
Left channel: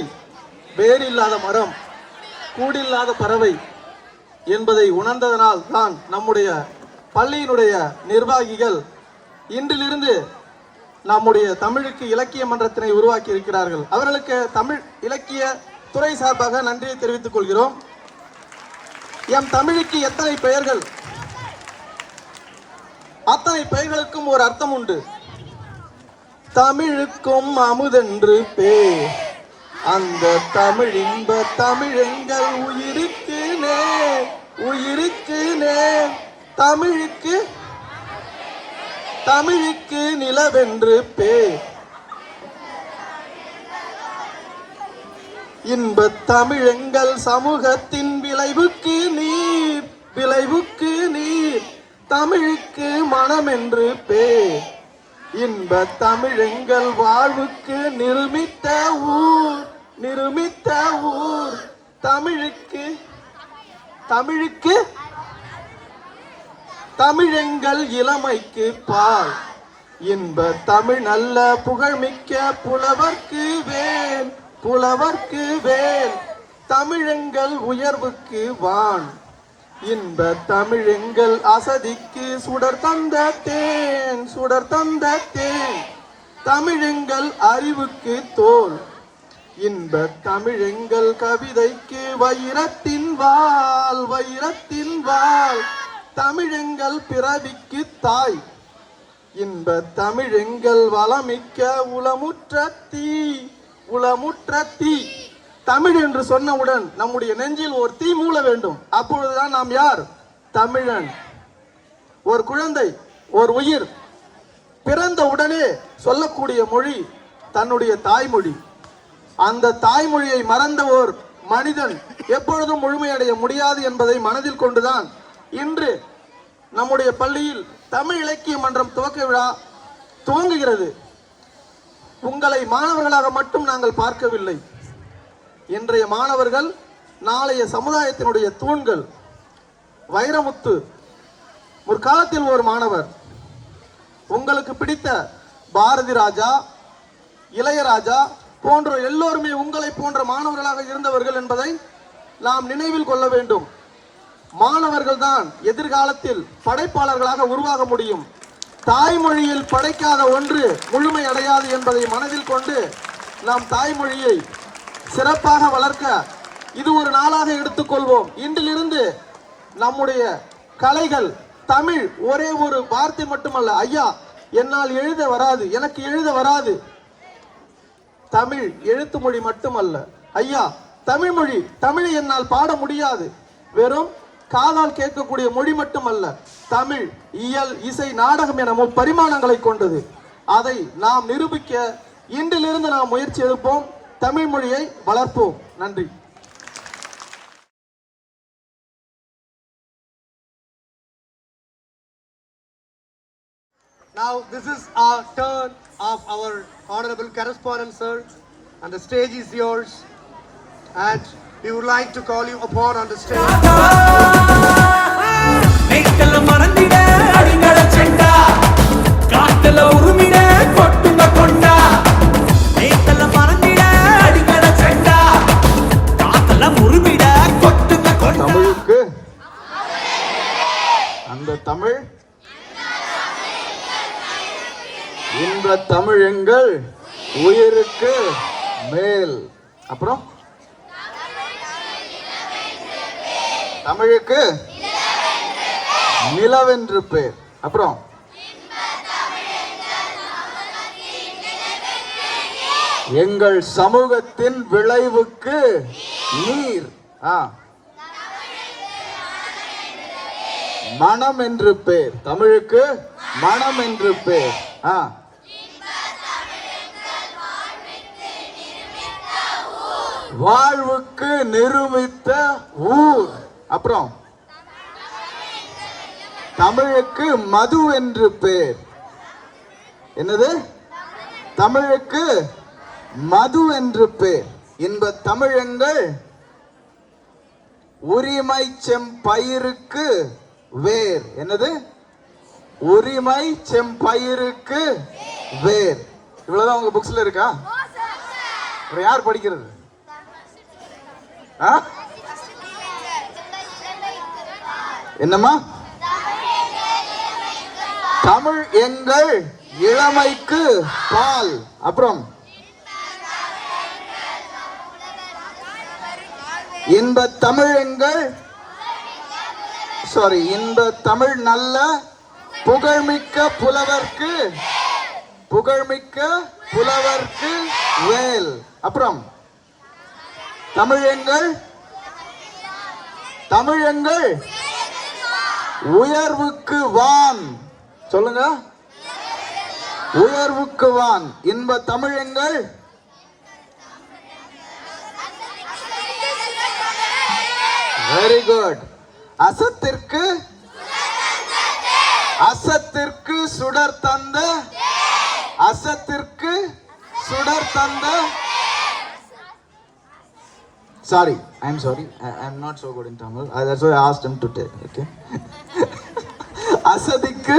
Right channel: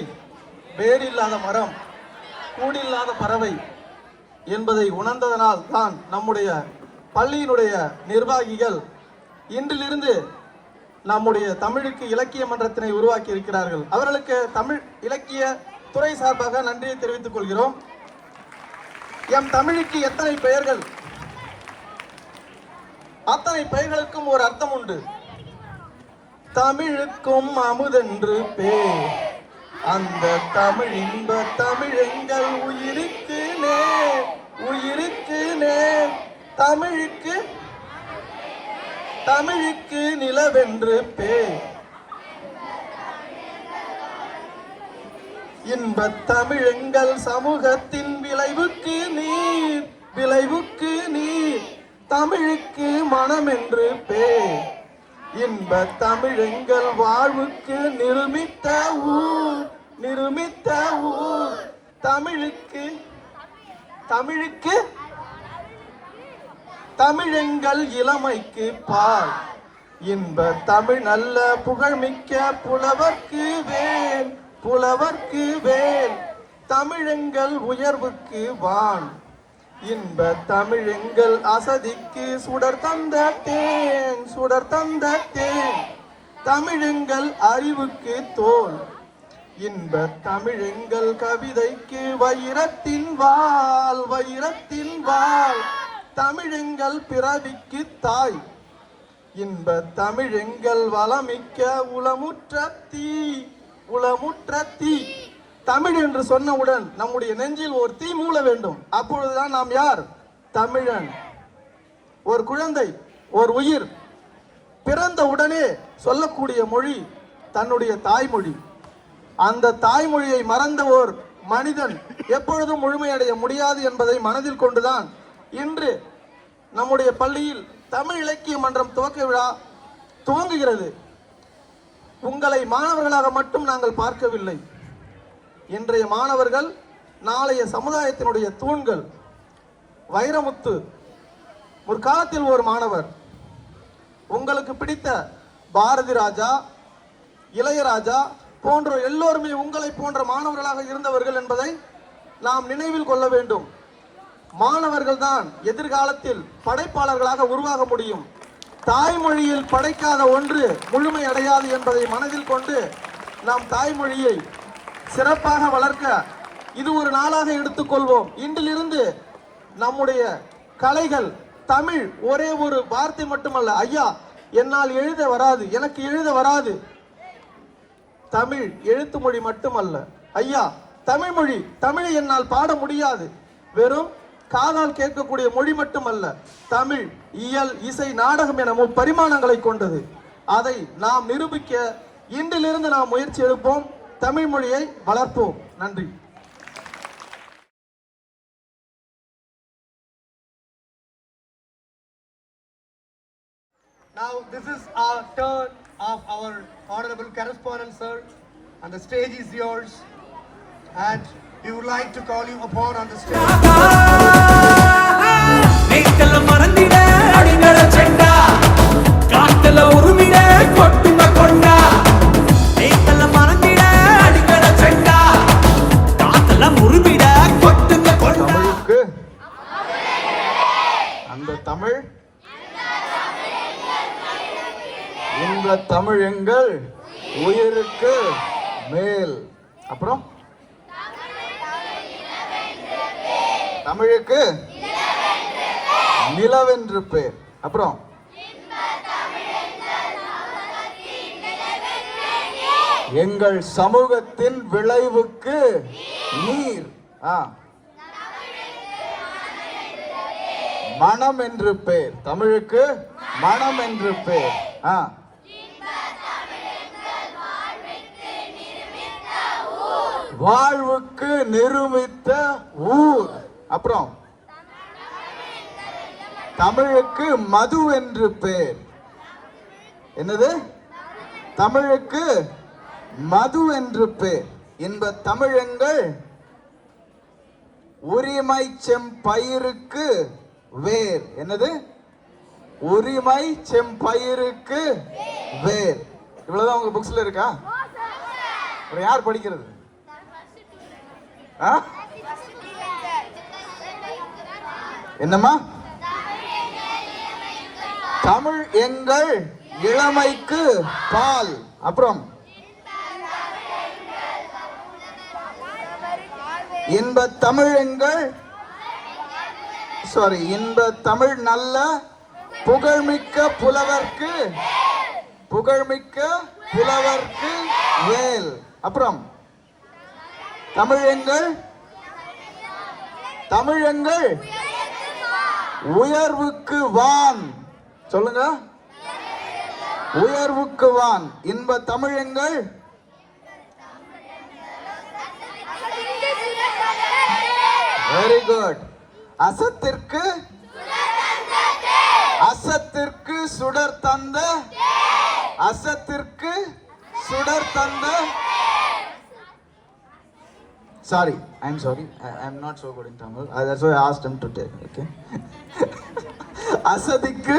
வேரில்லாத மரம், கூடில்லாத பறவை என்பதை உணர்ந்ததனால் தான் நம்முடைய பள்ளியினுடைய நிர்வாகிகள் இன்றிலிருந்து நம்முடைய தமிழுக்கு இலக்கிய மன்றத்தினை உருவாக்கி இருக்கிறார்கள். அவர்களுக்கு தமிழ் இலக்கிய துறை சார்பாக நன்றியை தெரிவித்துக் கொள்கிறோம். எம் தமிழுக்கு எத்தனை பெயர்கள், அத்தனை பெயர்களுக்கும் ஒரு அர்த்தம் உண்டு. தமிழுக்கும் அமுதென்று பேர், அந்த தமிழ் இன்ப தமிழெங்கள் உயிருக்கு நேர், உயிருக்கு நேர். தமிழுக்கு நிலவென்று பேர், இன்ப தமிழெங்கள் சமூகத்தின் விளைவுக்கு நீர், விளைவுக்கு நீர். தமிழுக்கு மனம் என்று பேர், இன்ப தமிழெங்கள் வாழ்வுக்கு நிருமித்த ஊர், நிருமித்த ஊர். தமிழுக்கு தமிழெங்கள் இளமைக்கு பால், இன்ப தமிழ் நல்ல புகழ்மிக்க புலவர்க்கு வேல், புலவர்க்கு வேல். தமிழெங்கள் உயர்வுக்கு வான், இன்ப தமிழெங்கள் அசதிக்கு சுடர் தந்த தேன், சுடர் தந்த தேன். தமிழெங்கள் அறிவுக்கு தோல், இன்ப தமிழெங்கள் கவிதைக்கு வைரத்தின் வாள், வைரத்தின் வாள். தமிழெங்கள் பிறவிக்கு தாய், இன்ப தமிழெங்கள் வளமிக்க உளமுற்ற தீ, உளமுற்ற தீ. தமிழ் என்று சொன்னவுடன் நம்முடைய நெஞ்சில் ஒரு தீ மூள வேண்டும். அப்பொழுதுதான் நாம் யார்? தமிழன். ஒரு குழந்தை, ஒரு உயிர் பிறந்த உடனே சொல்லக்கூடிய மொழி தன்னுடைய தாய்மொழி. அந்த தாய்மொழியை மறந்த ஓர் மனிதன் எப்பொழுதும் முழுமையடைய முடியாது என்பதை மனதில் கொண்டுதான் இன்று நம்முடைய பள்ளியில் தமிழ் இலக்கிய மன்றம் துவக்க விழா துவங்குகிறது. உங்களை மாணவர்களாக மட்டும் நாங்கள் பார்க்கவில்லை. இன்றைய மாணவர்கள் நாளைய சமுதாயத்தினுடைய தூண்கள். வைரமுத்து ஒரு காலத்தில் ஒரு மாணவர். உங்களுக்கு பிடித்த பாரதி ராஜா, இளையராஜா போன்ற எல்லோருமே உங்களை போன்ற மாணவர்களாக இருந்தவர்கள் என்பதை நாம் நினைவில் கொள்ள வேண்டும். மாணவர்கள் தான் எதிர்காலத்தில் படைப்பாளர்களாக உருவாக முடியும். தாய்மொழியில் படைக்காத ஒன்று முழுமை அடையாது என்பதை மனதில் கொண்டு நாம் தாய்மொழியை சிறப்பாக வளர்க்க இது ஒரு நாளாக எடுத்துக்கொள்வோம். இன்றிலிருந்து நம்முடைய கலைகள் தமிழ் ஒரே ஒரு வார்த்தை மட்டுமல்ல. ஐயா, என்னால் எழுத வராது, எனக்கு எழுத வராது. தமிழ் எழுத்து மொழி மட்டுமல்ல ஐயா, தமிழ் மொழி, தமிழை என்னால் பாட முடியாது. வெறும் காதால் கேட்கக்கூடிய மொழி மட்டுமல்ல, தமிழ் இயல், இசை, நாடகம் என பரிமாணங்களை கொண்டது. அதை நாம் நிரூபிக்க இன்றிலிருந்து நாம் முயற்சி எடுப்போம். தமிழ் மொழியை வளர்ப்போம். நன்றி. Now this is our turn of our honorable correspondent sir, and the stage is yours, and we would like to call you upon on the stage. நெய்தல மறந்திட அடிங்கட செண்டா, காத்தல உருமிட கொட்டுங்க கொண்டா. நெய்தல மறந்திட அடிங்கட செண்டா, காத்தல உருமிட கொட்டுங்க கொண்டா. அந்த தமிழ் இன்ப தமிழ் எங்கள் உயிருக்கு மேல். அப்புறம் தமிழுக்கு நிலவென்று பேர். அப்புறம் எங்கள் சமூகத்தின் விளைவுக்கு நீர். மனம் என்று பேர். தமிழுக்கு மனம் என்று பேர். வாழ்வுக்கு நிரூபித்த ஊர். அப்புறம் தமிழுக்கு மது என்று பேர். என்னது? தமிழுக்கு மது என்று பேர். இன்ப தமிழங்கள் உரிமை செம்பயிருக்கு வேர். என்னது? உரிமை செம்பயிருக்கு வேர். இவ்வளவுதான் உங்க புக்ஸ்ல இருக்கா? இப்ப யார் படிக்கிறது? ஆ? என்னம்மா? தமிழ் எங்கள் இளமைக்கு பால். அப்புறம் இன்ப தமிழ் எங்கள் இன்ப தமிழ் நல்ல புகழ்மிக்க புலவர்க்கு வேல். அப்புறம் தமிழ் எங்கள் உயர்வுக்கு வான். சொல்லுங்க, உயர்வுக்கு வான். இன்ப தமிழ் எங்கள் வெரி குட். அசத்திற்கு சுடர் தந்த sorry, I'm not so good in Tamil. That's why I asked him to take. Okay. அசதிக்கு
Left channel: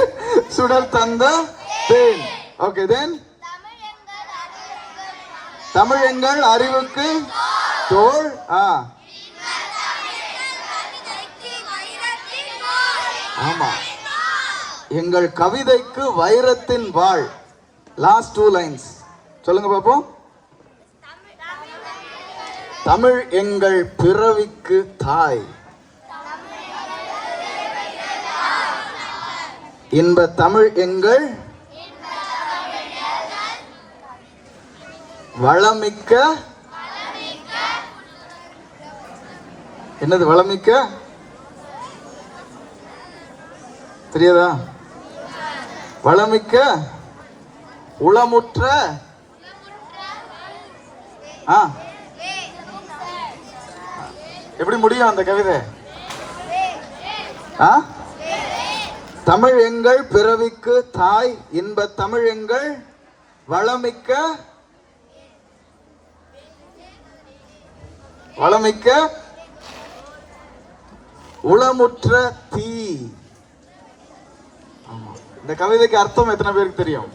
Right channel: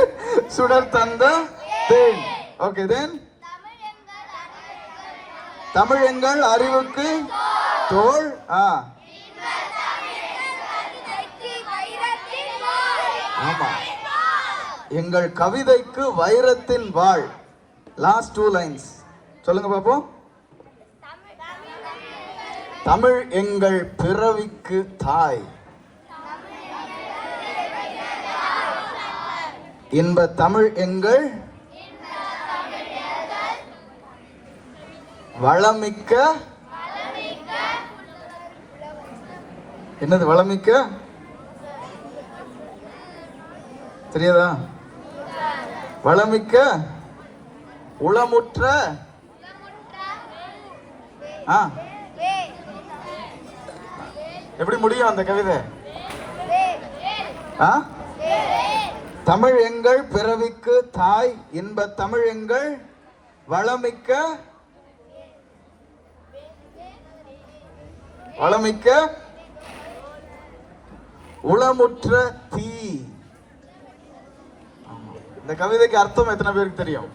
சுடர் தந்த தேன். Okay, then தமிழ் எங்கள் அறிவுக்கு தோள். ஆமா, எங்கள் கவிதைக்கு வைரத்தின் வாழ். லாஸ்ட் 2 lines சொல்லுங்க பாப்போம். தமிழ் எங்கள் பிறவிக்கு தாய். இன்ப தமிழ் எங்கள் வளமிக்க. என்னது வளமிக்க? தெரியாதா? வளமிக்க உளமுற்ற. எப்படி முடியும் அந்த கவிதை? தமிழ் எங்கள் பிறவிக்கு தாய், இன்ப தமிழ் எங்கள் வளமிக்க உளமுற்ற தீ. இந்த கவிதைக்கு அர்த்தம் எத்தனை பேருக்கு தெரியும்?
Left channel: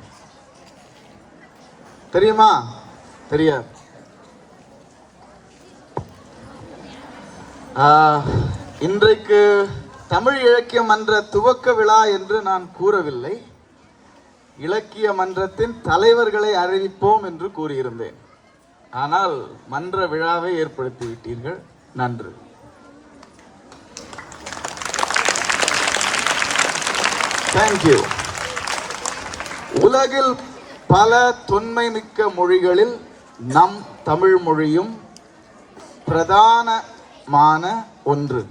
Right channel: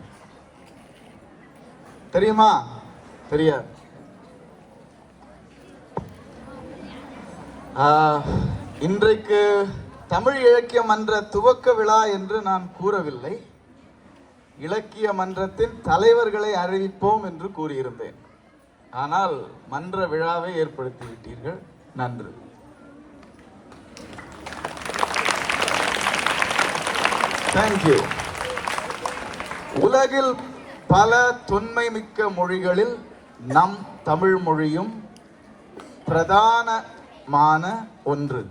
தெரியுமா? தெரியாது. இன்றைக்கு தமிழ் இலக்கிய மன்ற துவக்க விழா என்று நான் கூறவில்லை. இலக்கிய மன்றத்தின் தலைவர்களை அறிவிப்போம் என்று கூறியிருந்தேன். ஆனால் மன்ற விழாவை ஏற்படுத்தி விட்டீர்கள். நன்று. தேங்க்யூ. உலகில் பல தொன்மை மிக்க மொழிகளில் நம் தமிழ் மொழியும் பிரதானமான ஒன்று.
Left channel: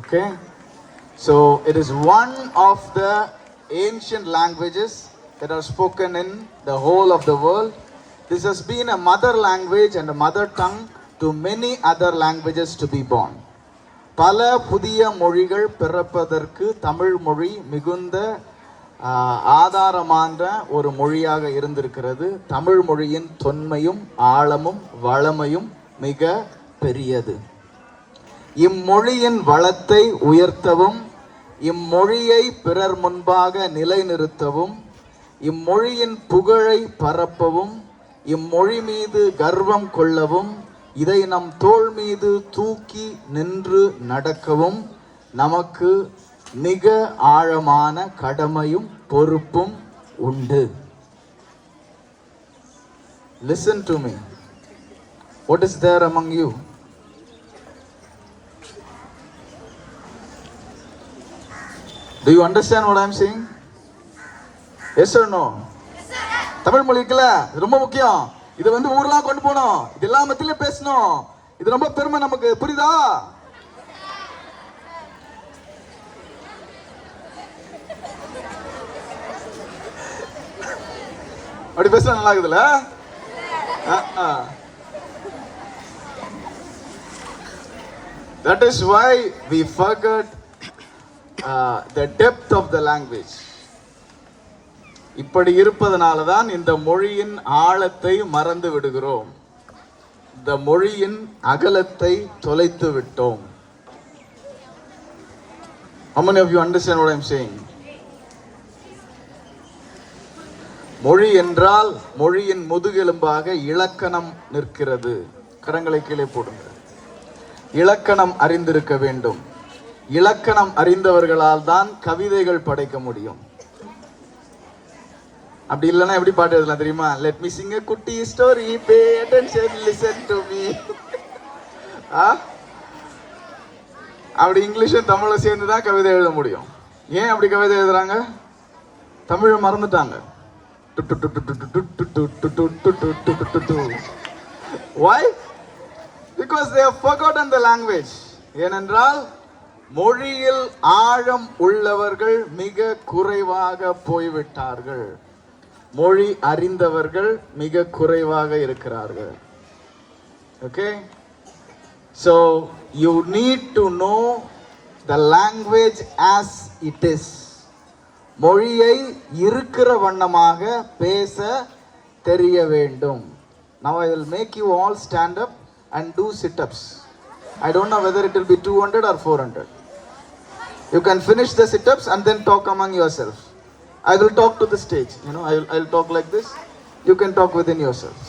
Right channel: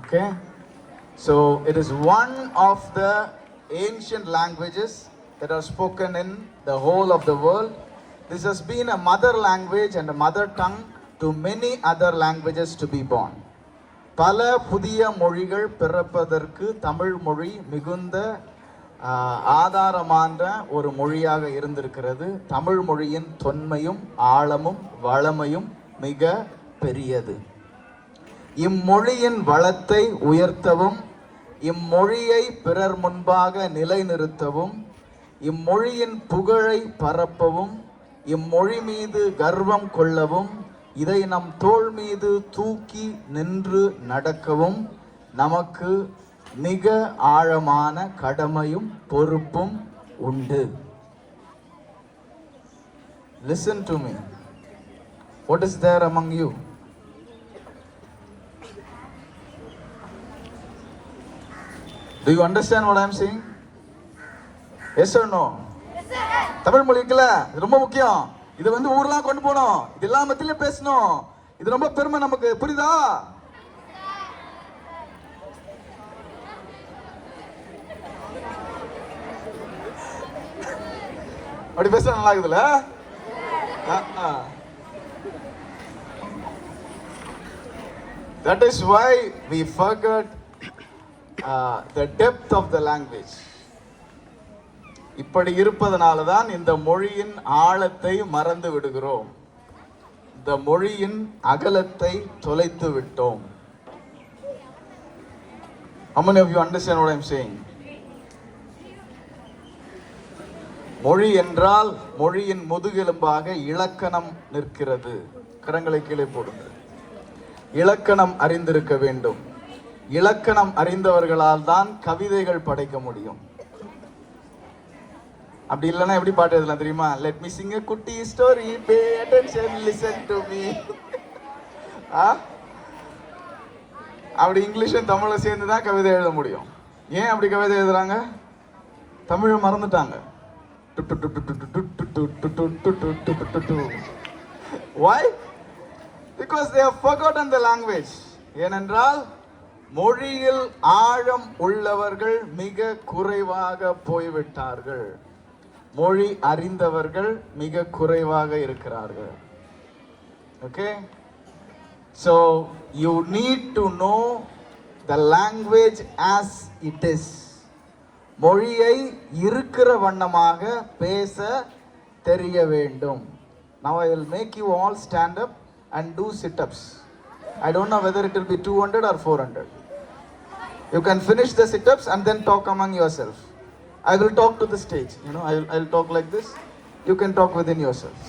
Okay, so it is one of the ancient languages that are spoken in the whole of the world. This has been a mother language and a mother tongue to many other languages to be born. பல புதிய மொழிகள் பிறப்பதற்கு தமிழ் மொழி மிகுந்த ஆதாரமான ஒரு மொழியாக இருந்திருக்கிறது. தமிழ் மொழியின் தொன்மையும் ஆழமும் வளமையும் மிக பெரியது. இம்மொழியின் வளத்தை உயர்த்தவும், இம்மொழியை பிறர் முன்பாக நிலைநிறுத்தவும், இம்மொழியின் புகழை பரப்பவும், இம்மொழி மீது கர்வம் கொள்ளவும், இதை நம் தோள் மீது தூக்கி நின்று நடக்கவும் நமக்கு மிக ஆழமான கடமையும் பொறுப்பும் உண்டு. Listen to me. What is there among you? Do you understand what I am saying? Yes or no? Yes sir. Tamil மொழிக்குல ரொம்ப முக்கியம். இது ஊர்லாம் கொண்டு போகணும். இதெல்லாம் மத்தியில பேசணும். இது ரொம்ப பெருமை நமக்கு. புரியுதா? அப்படி பேச நல்லா இருக்குதுல்ல? That is why we forgot the depth of the language. இப்படி இருப்பதனால தான் இந்த மொழியின் ஆழத்தை மறந்து விடுகிறோம். இந்த மொழியின் அகலத்தை தொலைத்து விட்டோம். How many of you understand what I am saying? மொழி என்றால் மொழியின் முதுகெலும்பாக இலக்கணம் நிற்கிறது. கரங்களை கீழே போடுங்க. இலக்கணம் அறிந்திருக்க வேண்டும். இலக்கணம் அறிந்தவர்களால் தான் கவிதைகள் படைக்க முடியும். அப்படி இல்லைன்னா எப்படி பாட்டு எழுதலாம் தெரியுமா? லெட் மீ சிங் a குட்டி story, pay attention, listen to me. அப்படி இங்கிலீஷும் தமிழும் சேர்ந்து தான் கவிதை எழுத முடியும். ஏன் அப்படி கவிதை எழுதுறாங்க? தமிழை மறந்துட்டாங்க. Why? Because they have forgotten the language. ஏனென்றால் மொழியில் ஆழம் உள்ளவர்கள் மிக குறைவாக போய்விட்டார்கள். மொழி அறிந்தவர்கள் மிக குறைவாக இருக்கிறார்கள். Okay? So you need to know the language as it is. மொழியை இருக்கிற வண்ணமாக பேச தெரிய வேண்டும். Now I will make you all stand up and do sit-ups. I don't know whether it will be 200 or 400. You can finish the sit-ups and then talk among yourself. I will talk to the stage. You know, I'll talk like this. You can talk within yourselves.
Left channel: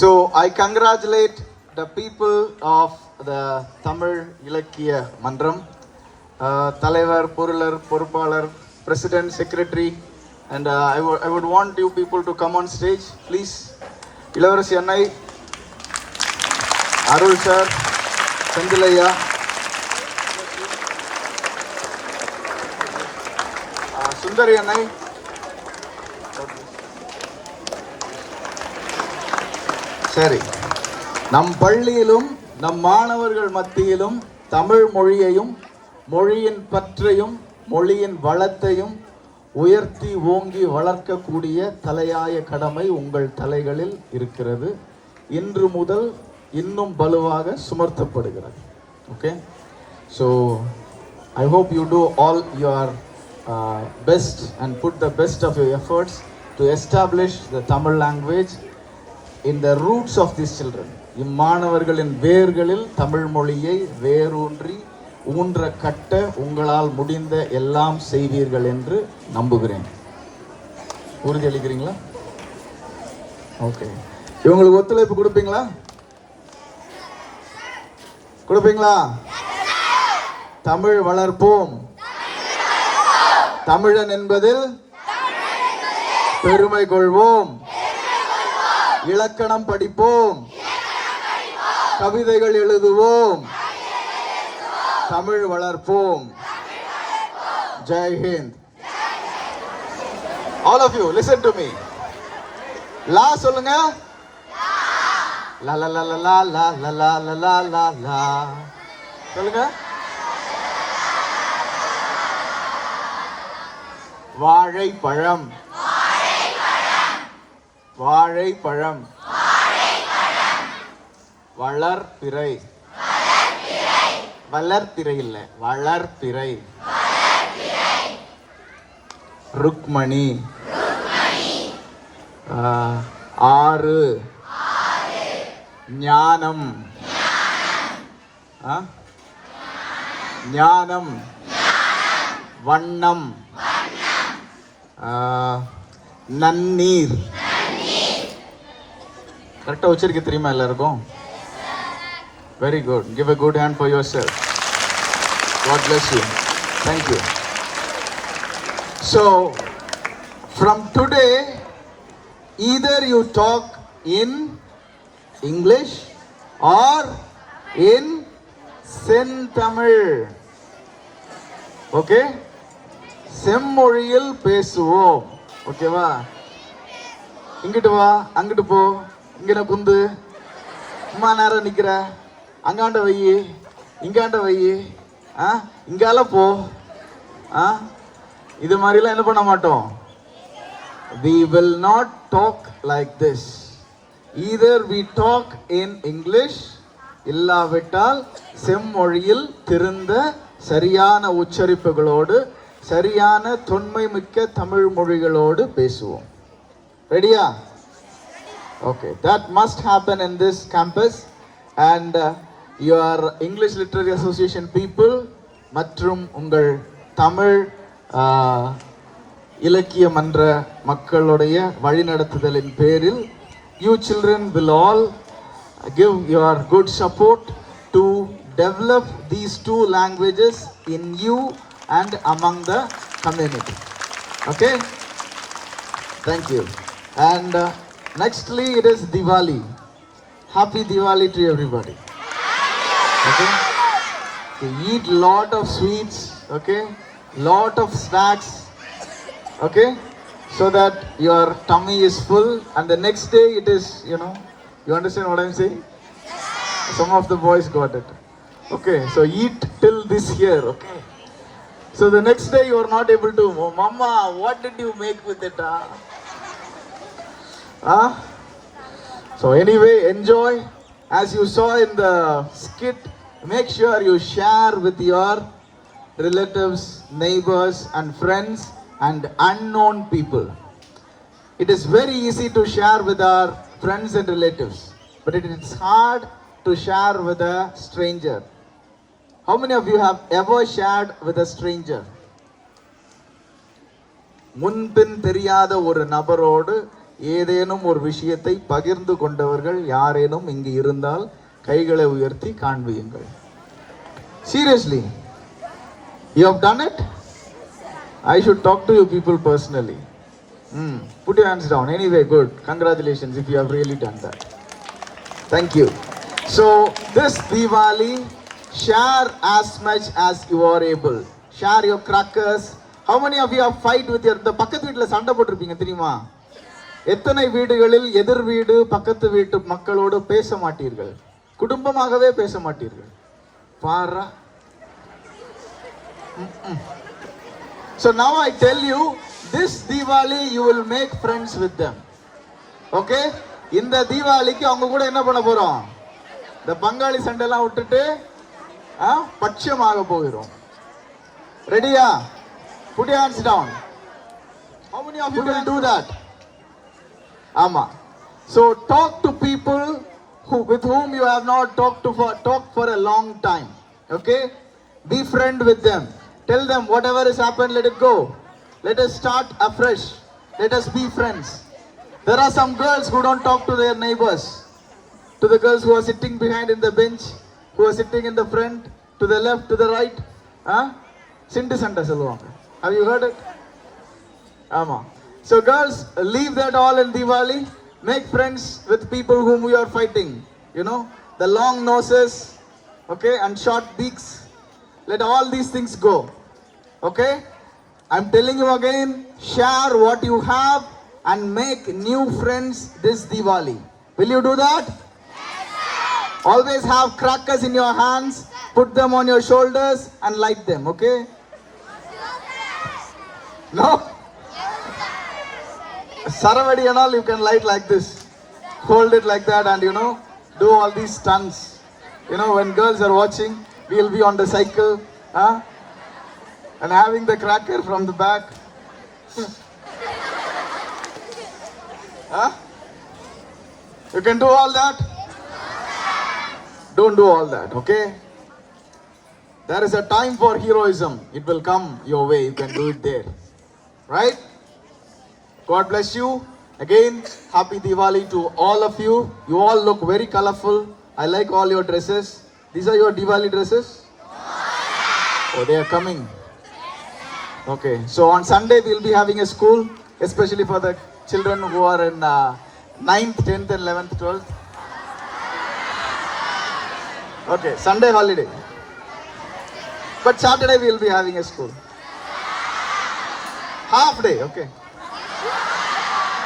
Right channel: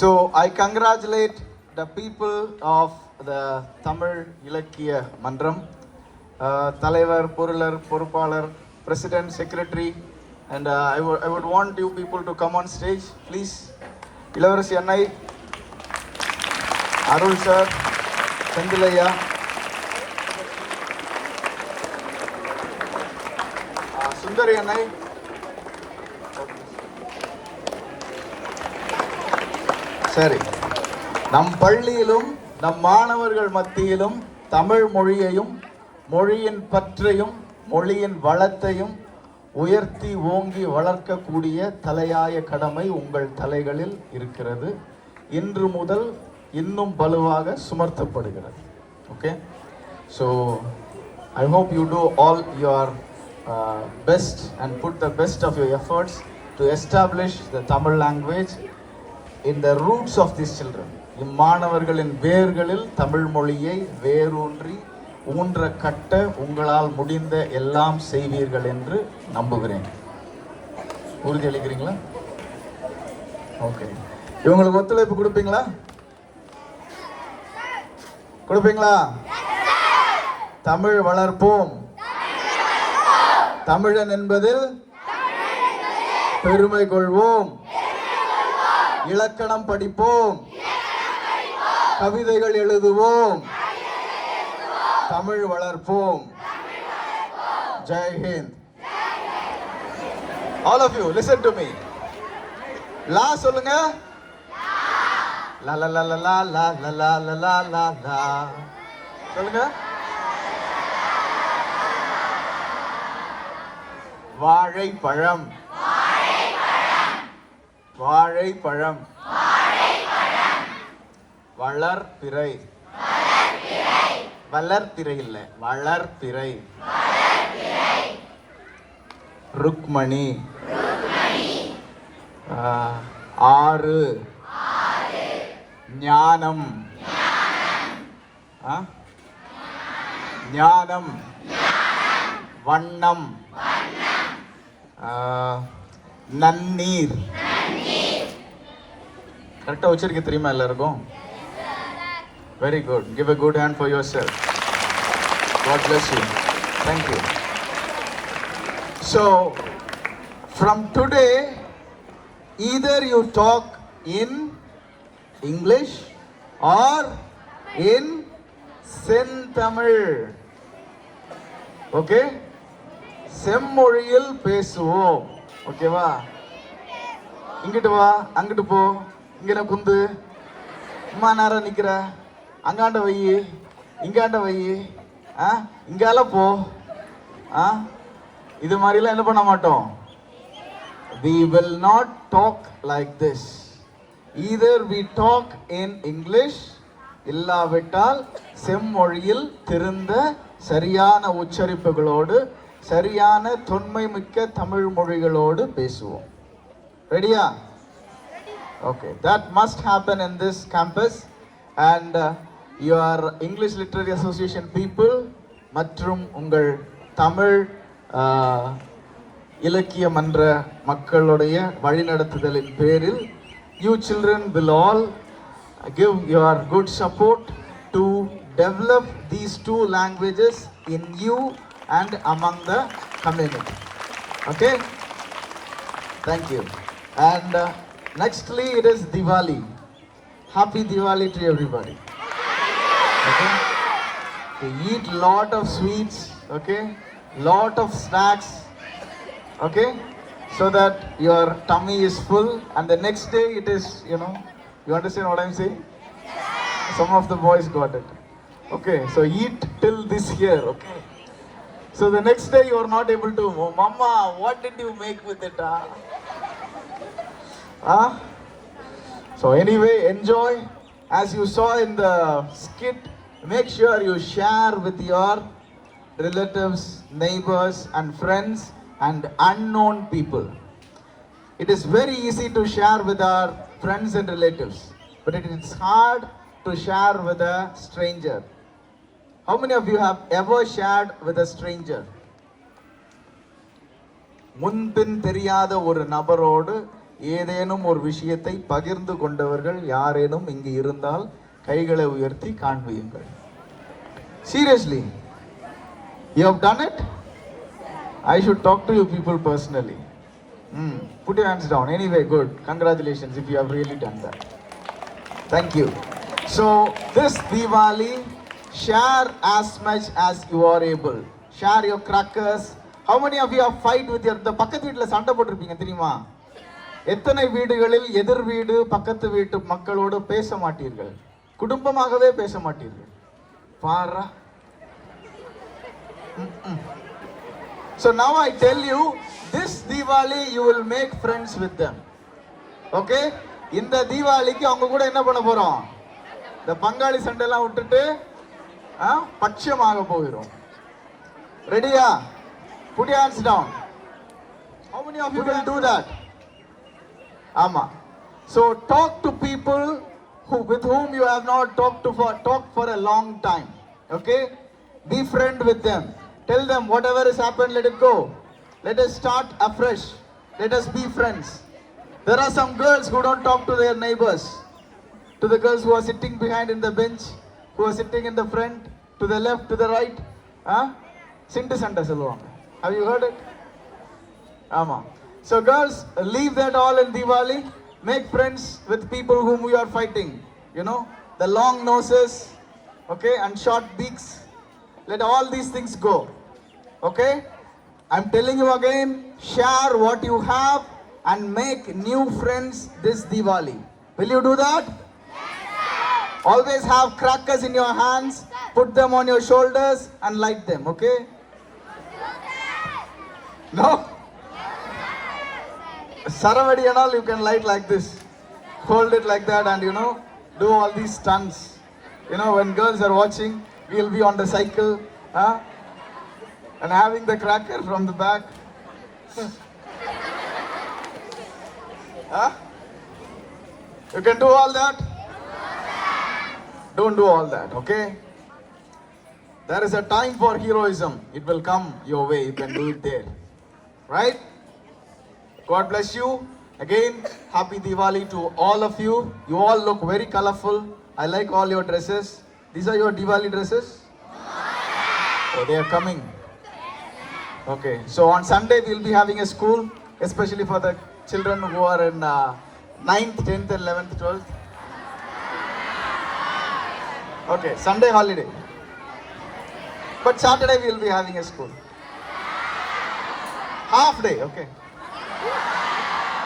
So I congratulate the people of the Tamil Ilakkiya Mandram, Talaivar, Purilar, Porupalar, President, Secretary, and I would want you people to come on stage, please. Ilavarasi Annai, Arul sir, Sandilaya, Sundari Annai. சரி, நம் பள்ளியிலும் நம் மாணவர்கள் மத்தியிலும் தமிழ் மொழியையும் மொழியின் பற்றையும் மொழியின் வளத்தையும் உயர்த்தி ஓங்கி வளர்க்கக்கூடிய தலையாய கடமை உங்கள் தலைகளில் இருக்கிறது. இன்று முதல் இன்னும் வலுவாக சுமர்த்தப்படுகிறது. Okay, so I hope you do all your best and put the best of your efforts to establish the Tamil language in the roots of these children. இம்மாணவர்களின் வேர்களில் தமிழ் மொழியை வேரூன்றி ஊன்ற கட்ட உங்களால் முடிந்த எல்லாம் செய்வீர்கள் என்று நம்புகிறேன். உறுதியளிக்கிறீங்களா? ஓகே, இவங்களுக்கு ஒத்துழைப்பு கொடுப்பீங்களா? கொடுப்பீங்களா? தமிழ் வளர்ப்போம். தமிழன் என்பதில் பெருமை கொள்வோம். இலக்கணம் படிப்போம். கவிதைகள் எழுதுவோம். தமிழ் வளர்ப்போம். Jai Hind. All of you listen to me. லா சொல்லுங்க. லா லா லா லா லா லா லா லா லா லா லா சொல்லுங்க. வாழைப்பழம். வாழைப்பழம். வளர்பிறை. வளர்பிறை இல்ல, வளர்பிறை. ருக்மணி. ஆறு. ஞானம். ஞானம். வண்ணம். நன்னீர். கரெக்டாக உச்சரிக்க தெரியுமா எல்லாருக்கும்? Very good. Give a good hand for yourself. God bless you. Thank you. So from today, either you talk in English or in செந்தமிழ். ஓகே, செம்மொழியில் பேசுவோம். ஓகேவா? இங்கிட்டு வா, அங்கிட்டு போ, இங்கிட்ட குந்து, அம்மா நேரம் நிக்கிற, அங்காண்ட வையி, இங்காண்ட வையி, இங்கால போ. இது மாதிரிலாம் என்ன பண்ண மாட்டோம். We will not talk like this. Either we talk in English, இல்லாவிட்டால் செம்மொழியில் திருந்த சரியான உச்சரிப்புகளோடு சரியான தொன்மை மிக்க தமிழ் மொழிகளோடு பேசுவோம். ரெடியா? Okay, that must happen in this campus, and your English Literary Association people மற்றும் உங்கள் தமிழ் இலக்கிய மன்ற மக்களுடைய வழிநடத்துதலின் பேரில் you children will all give your good support to develop these two languages in you and among the community. Okay? Thank you. And nextly it is Diwali. Happy Diwali to everybody. Okay? So eat lot of sweets, okay? Lot of snacks, okay? So that your tummy is full and the next day it is, you know, you understand what I'm saying? Some of the boys got it. Okay, so eat till this year, okay? So the next day you are not able to, oh, Mama, what did you make with it? So anyway, enjoy. As you saw in the skit, make sure you share with your relatives, neighbors and friends and unknown people. It is very easy to share with our friends and relatives, but it is hard to share with a stranger. How many of you have ever shared with a stranger? முன்பின் தெரியாத ஒரு நபரோடு ஏதேனும் ஒரு விஷயத்தை பகிர்ந்து கொண்டவர்கள் யாரேனும் இங்கு இருந்தால் கைகளை உயர்த்தி காண்பியுங்கள். Seriously, you have done it? I should talk to you people personally. Put your hands down. Anyway, good. Congratulations if you have really done that. Thank you. So this Diwali, share as much as you are able. Share your crackers. How many of you have fight with your the பக்கத்து வீட்ல சண்டை போட்டுருப்பீங்க தெரியுமா? எத்தனை வீடுகளில் எதிர் வீடு பக்கத்து வீட்டு மக்களோடு பேச மாட்டீர்கள்? குடும்பமாகவே பேச மாட்டீர்கள். பாரா. So now I tell you, this Diwali you will make friends with them. Okay? இந்த தீபாவளிக்கு அவங்க கூட என்ன பண்ண போறோம்? இந்த பங்காளி சண்டைலாம் விட்டுட்டு பட்சமாக போகிறோம். ரெடியா? Put your hands down. How many of you will do that? Ama. So talk to people with whom you have not talked for a long time. Okay? Be friend with them. Tell them whatever has happened, let it go. Let us start afresh. Let us be friends. There are some girls who don't talk to their neighbors. To the girls who are sitting behind in the bench, who are sitting in the front, to the left, to the right. Sindu Sanda சொல்லுவாங்க. Have you heard it? Ama. So girls, leave that all in Diwali. Make friends with people whom you are fighting. You know, the long noses, okay, and short beaks. Let all these things go. Okay? I'm telling you again, share what you have and make new friends this Diwali. Will you do that? Yes. Always have crackers in your hands, put them on your shoulders and light them, okay? No? Saravadi and all you can light like this. Hold it like that and you know, do all these stunts. You know, when girls are watching, we'll be on the cycle, and having the cracker from the back. You can do all that? Don't do all that, okay? There is a time for heroism. It will come your way. You can do it there. Right? God bless you. Again, happy Diwali to all of you. You all look very colorful. I like all your dresses. These are your Diwali dresses? So they are coming. Okay, so on Sunday we'll be having a school, especially for the children who are in 9th, 10th and 11th, 12th. Okay, Sunday holiday. But Saturday we'll be having a school. Half day, okay.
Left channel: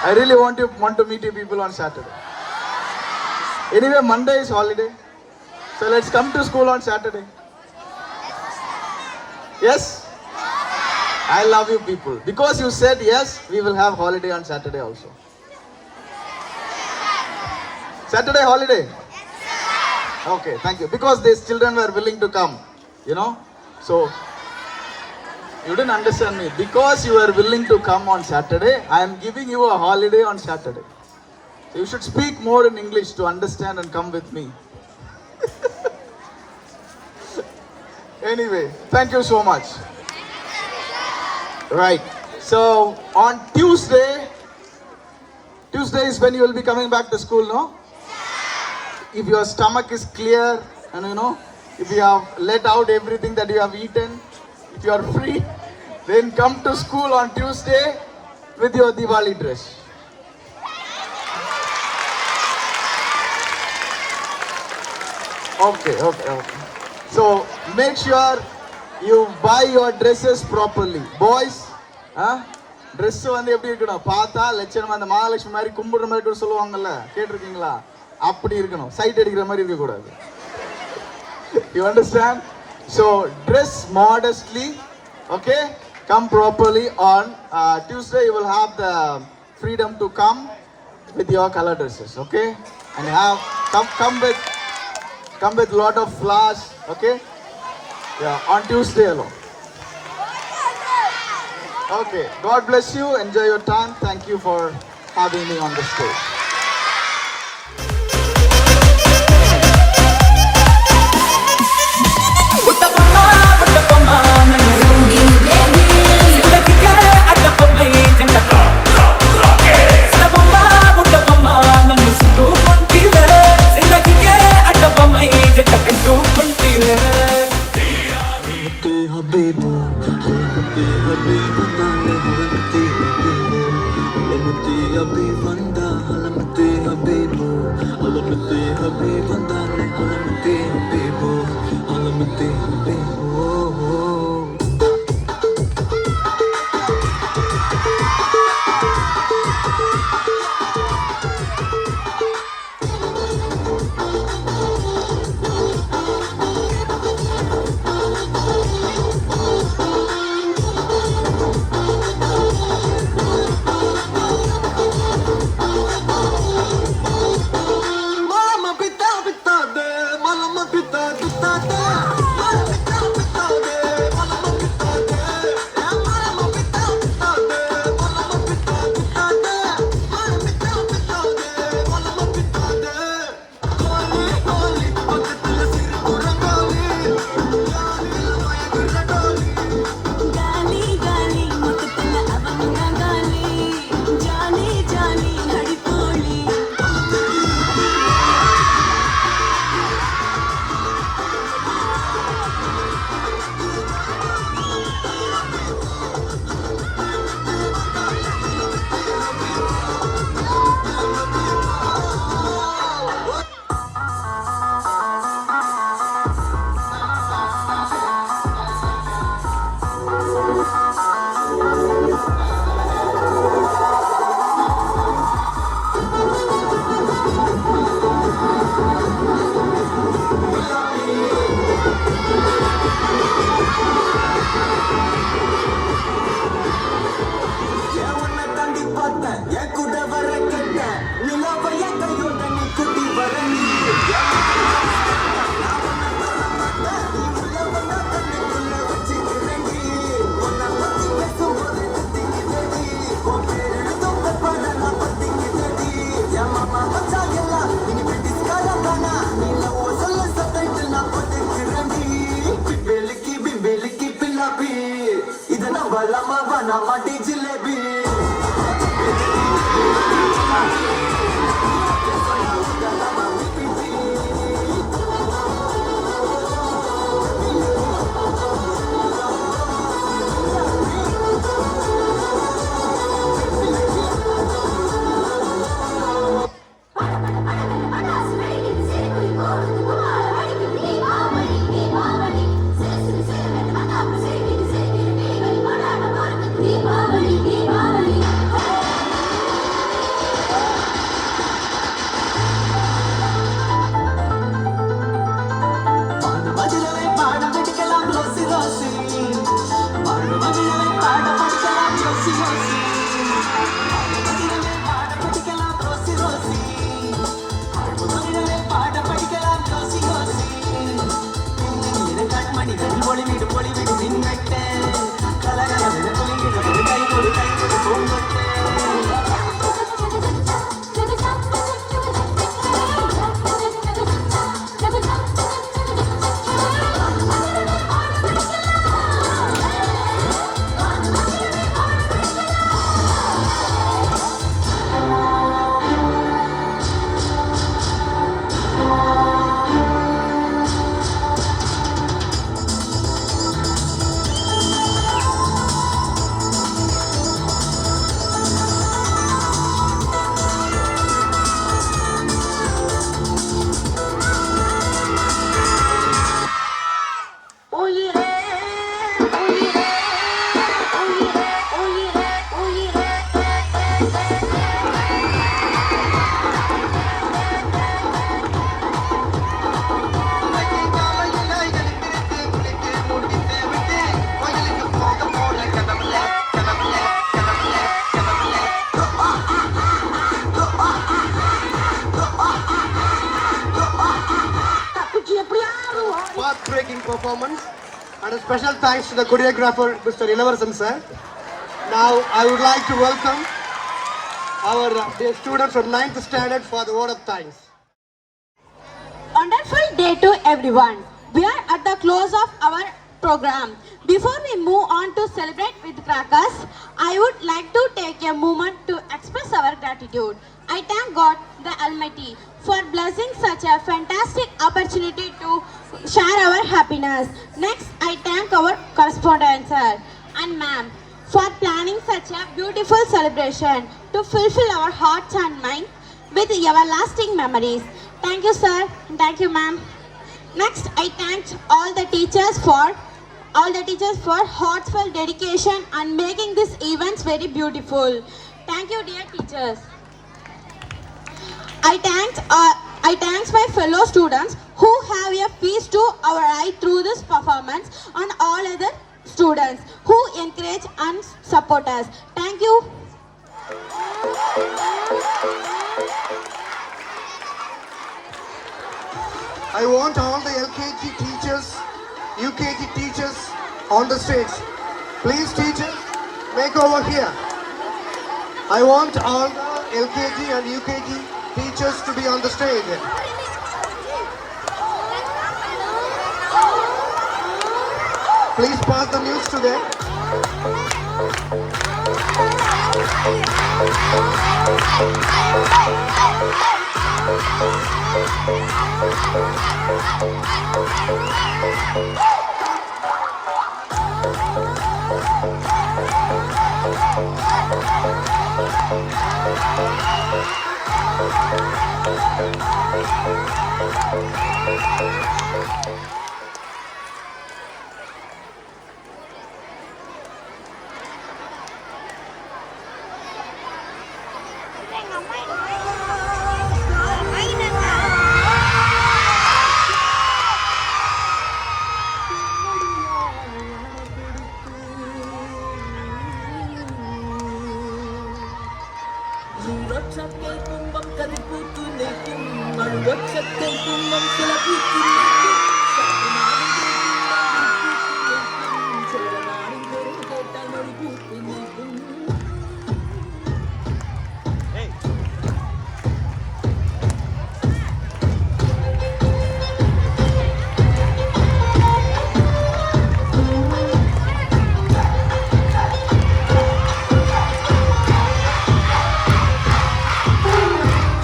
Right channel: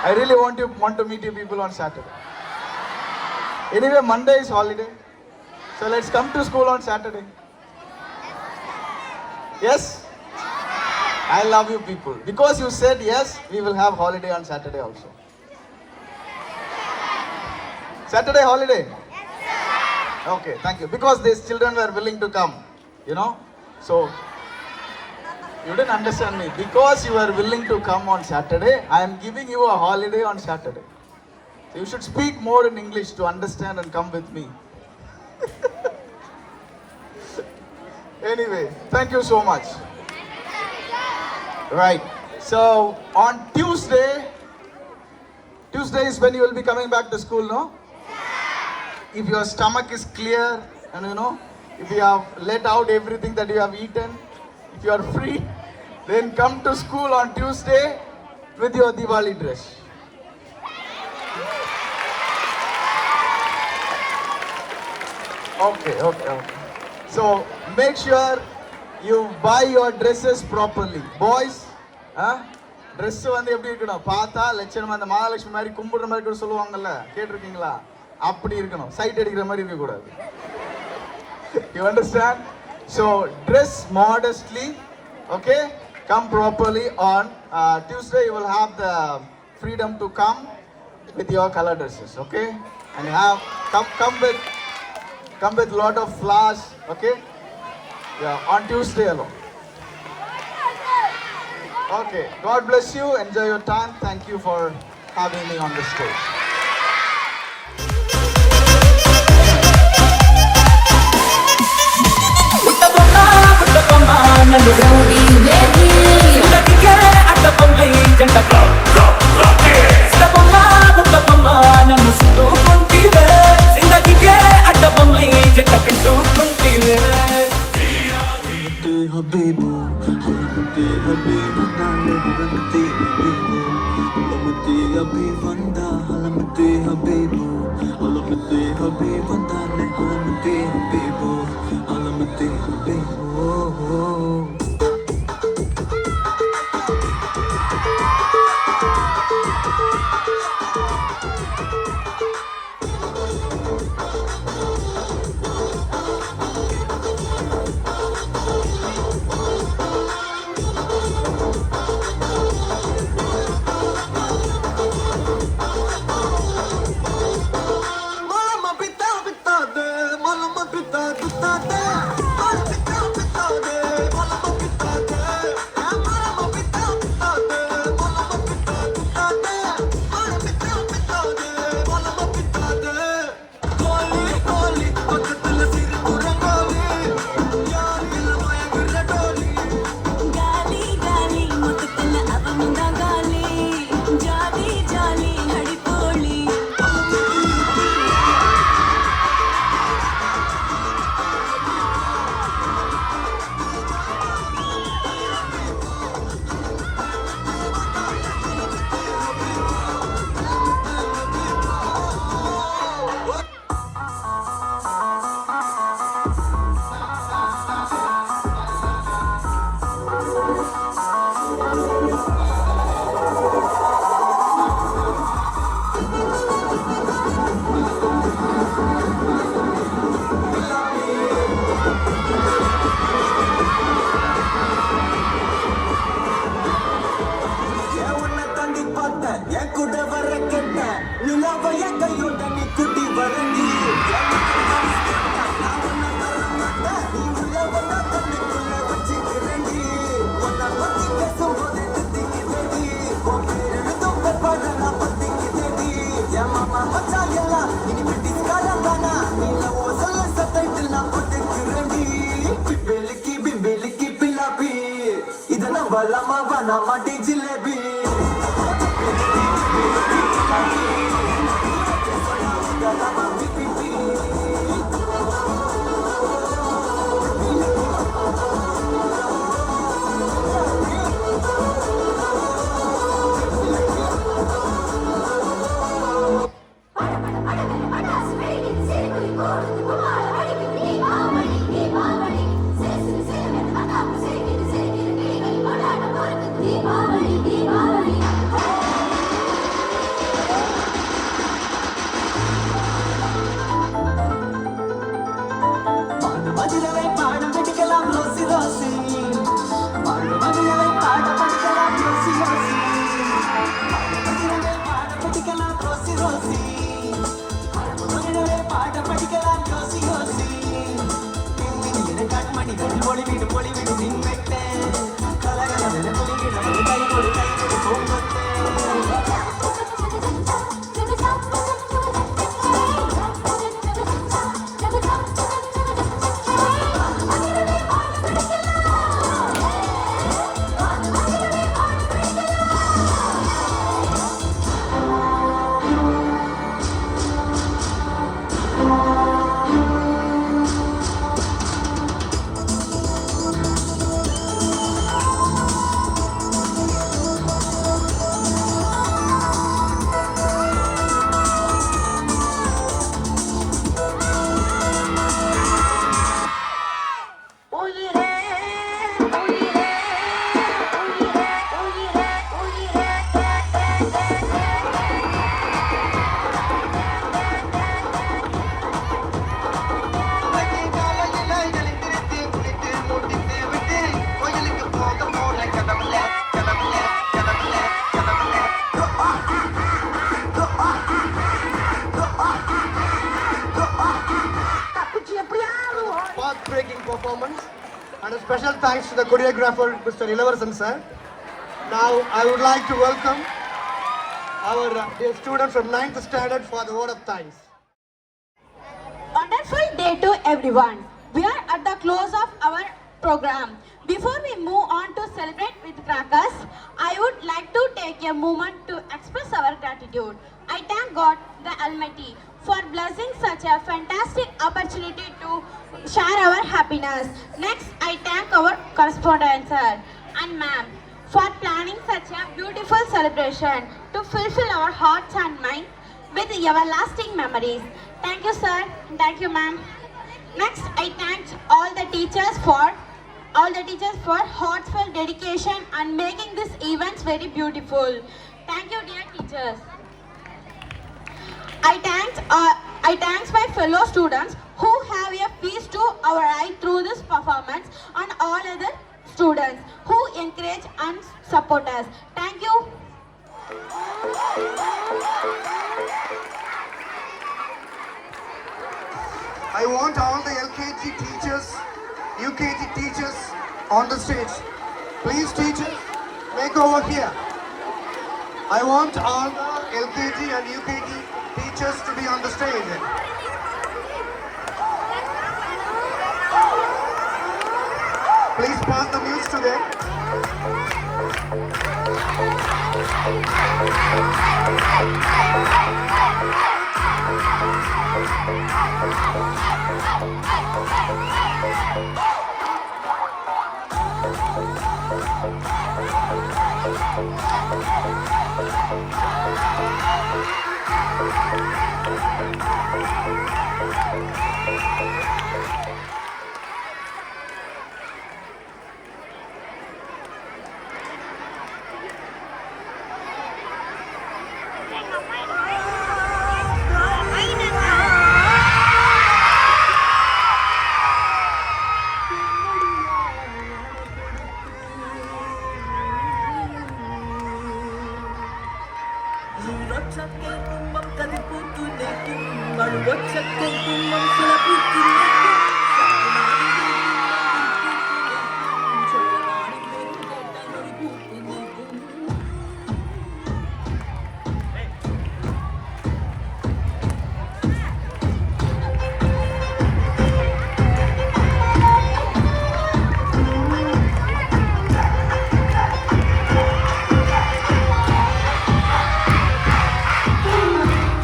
I really want to meet you people on Saturday. Anyway, Monday is holiday. So let's come to school on Saturday. Yes? I love you people. Because you said yes, we will have holiday on Saturday also. Saturday holiday? Okay, thank you. Because these children were willing to come, you know. So, you didn't understand me. Because you were willing to come on Saturday, I am giving you a holiday on Saturday. So you should speak more in English to understand and come with me. Anyway, thank you so much. Right. So on Tuesday is when you will be coming back to school, no? If your stomach is clear and if you have let out everything that you have eaten, if you are free, then come to school on Tuesday with your Diwali dress. Okay. So make sure you buy your dresses properly. Boys, dress வந்து எப்படி இருக்கணும்? பார்த்தா லட்சணமா அந்த மகாலட்சுமி மாதிரி கும்பிடுற மாதிரி கூட சொல்லுவாங்கல்ல, கேட்டிருக்கீங்களா? அப்படி இருக்கணும், சைட் அடிக்கிற மாதிரி இருக்க கூடாது. You understand? So dress modestly, okay? Come properly on Tuesday. You will have the freedom to come with your color dresses, okay? And come with lot of flowers, okay? Yeah, on Tuesday alone. Okay, God bless you. Enjoy your time. Thank you for having me on the stage. முட்டப்பம்மா நன்னு rowdy சிந்தக்கிக்கே அட்டப்பம்மை ஜண்டக்கா முட்டப்பம்மா நன்னு சுட்டு கொண்டீவே சிந்தக்கிக்கே அட்டப்பம்மை ஜண்டக்கட்டு கொண்டீவே the choreographer, Mr. Ilavasan sir. Now I would like to welcome our students from 9th standard for the word of thanks. Wonderful day to everyone. We are at the close of our program. Before we move on to celebrate with crackers, I would like to take a moment to express our gratitude. I thank God the Almighty for blessing such a fantastic opportunity to share our happiness. Next, I thank our correspondent sir and ma'am for planning such a beautiful celebration to fulfill our hearts and minds with everlasting memories. Thank you, sir. Thank you, ma'am. Next, I thank all the teachers for heartfelt dedication and making these events very beautiful. Thank you, dear teachers. I thank my fellow students who have a feast to our eye through this performance and all other students who encourage and support us. Thank you. I want all the LKG teachers, UKG teachers on the stage. Please teachers, make over here. I want all the LKG and UKG teachers to be on the stage. Please pass the news to them.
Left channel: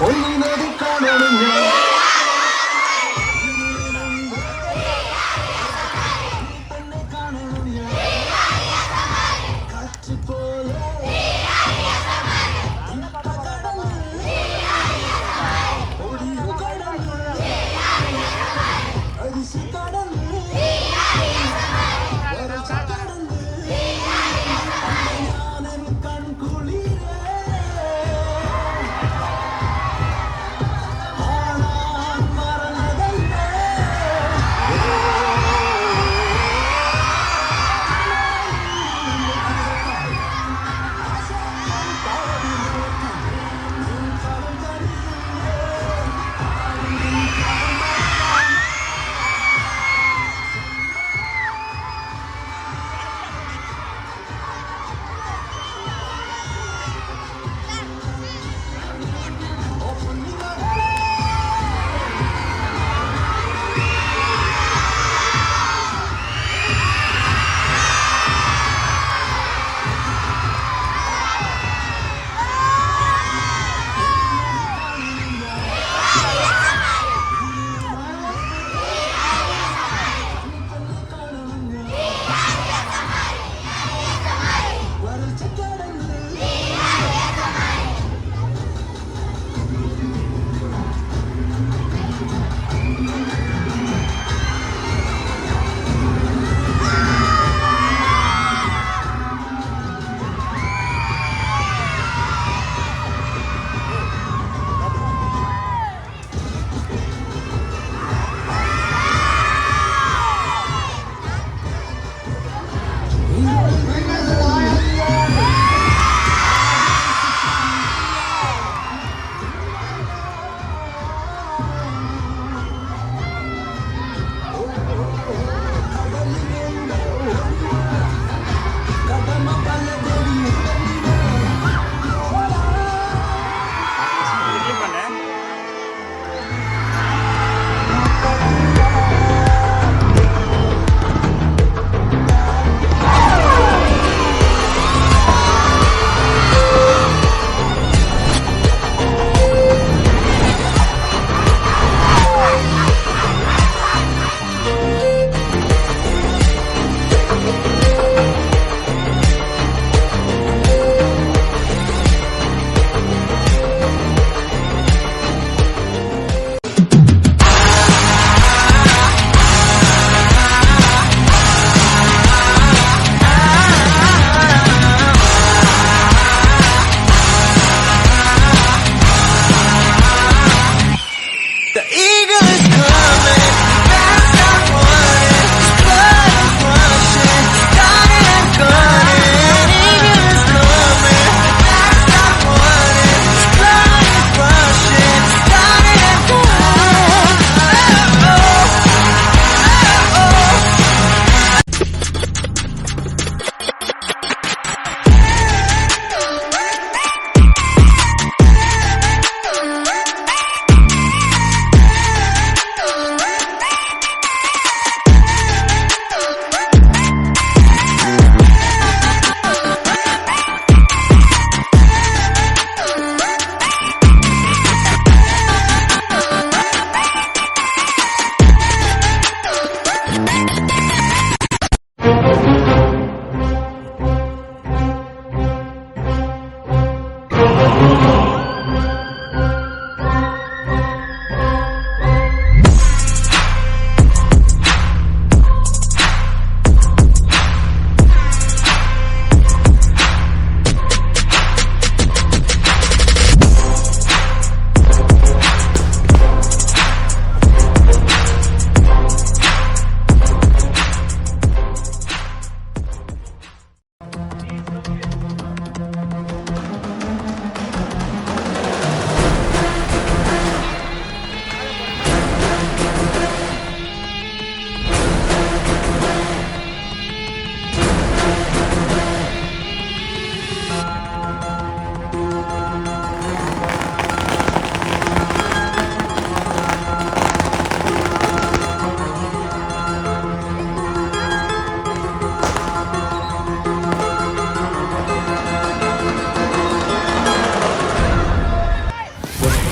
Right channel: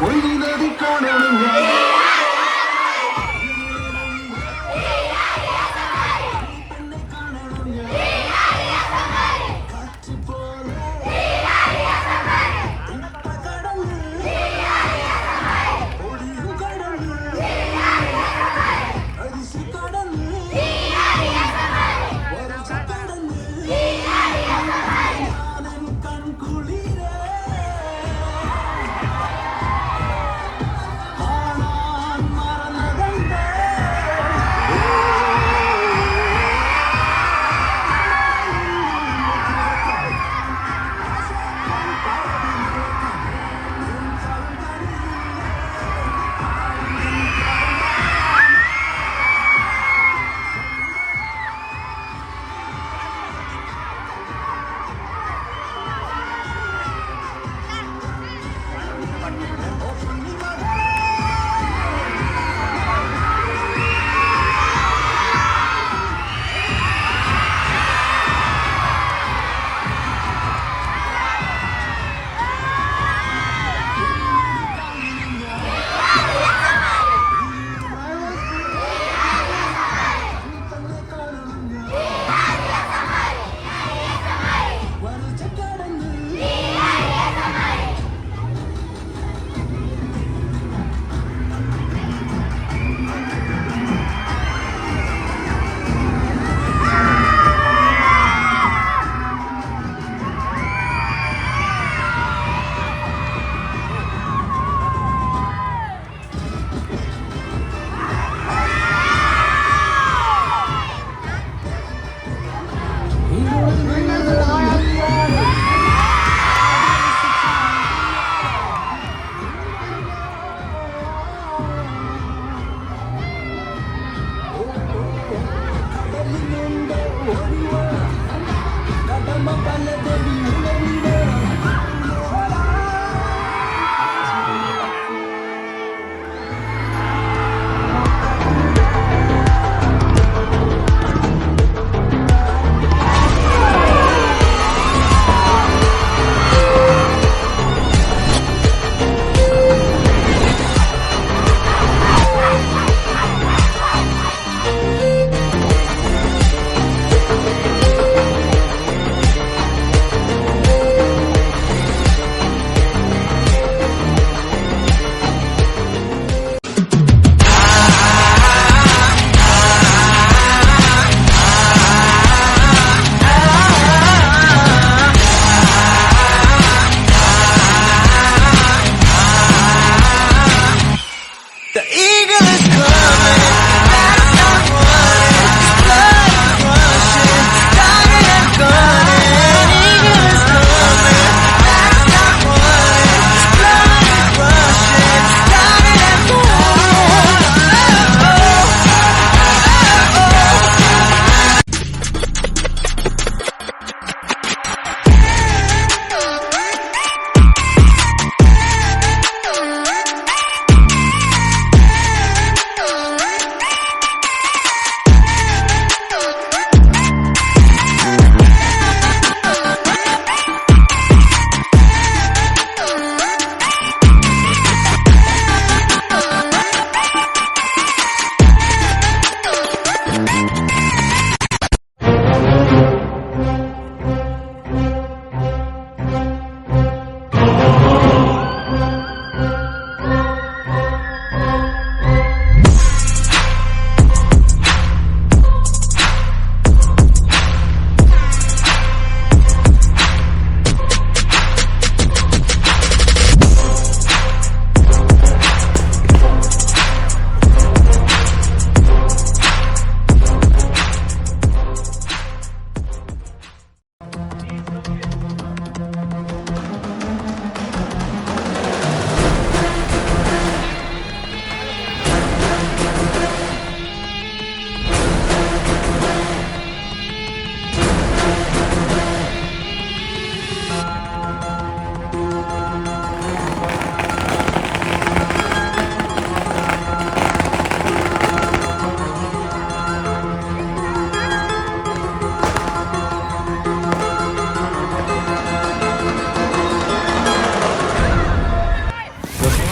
ഒന്നിനത് കാണണം ഞാൻ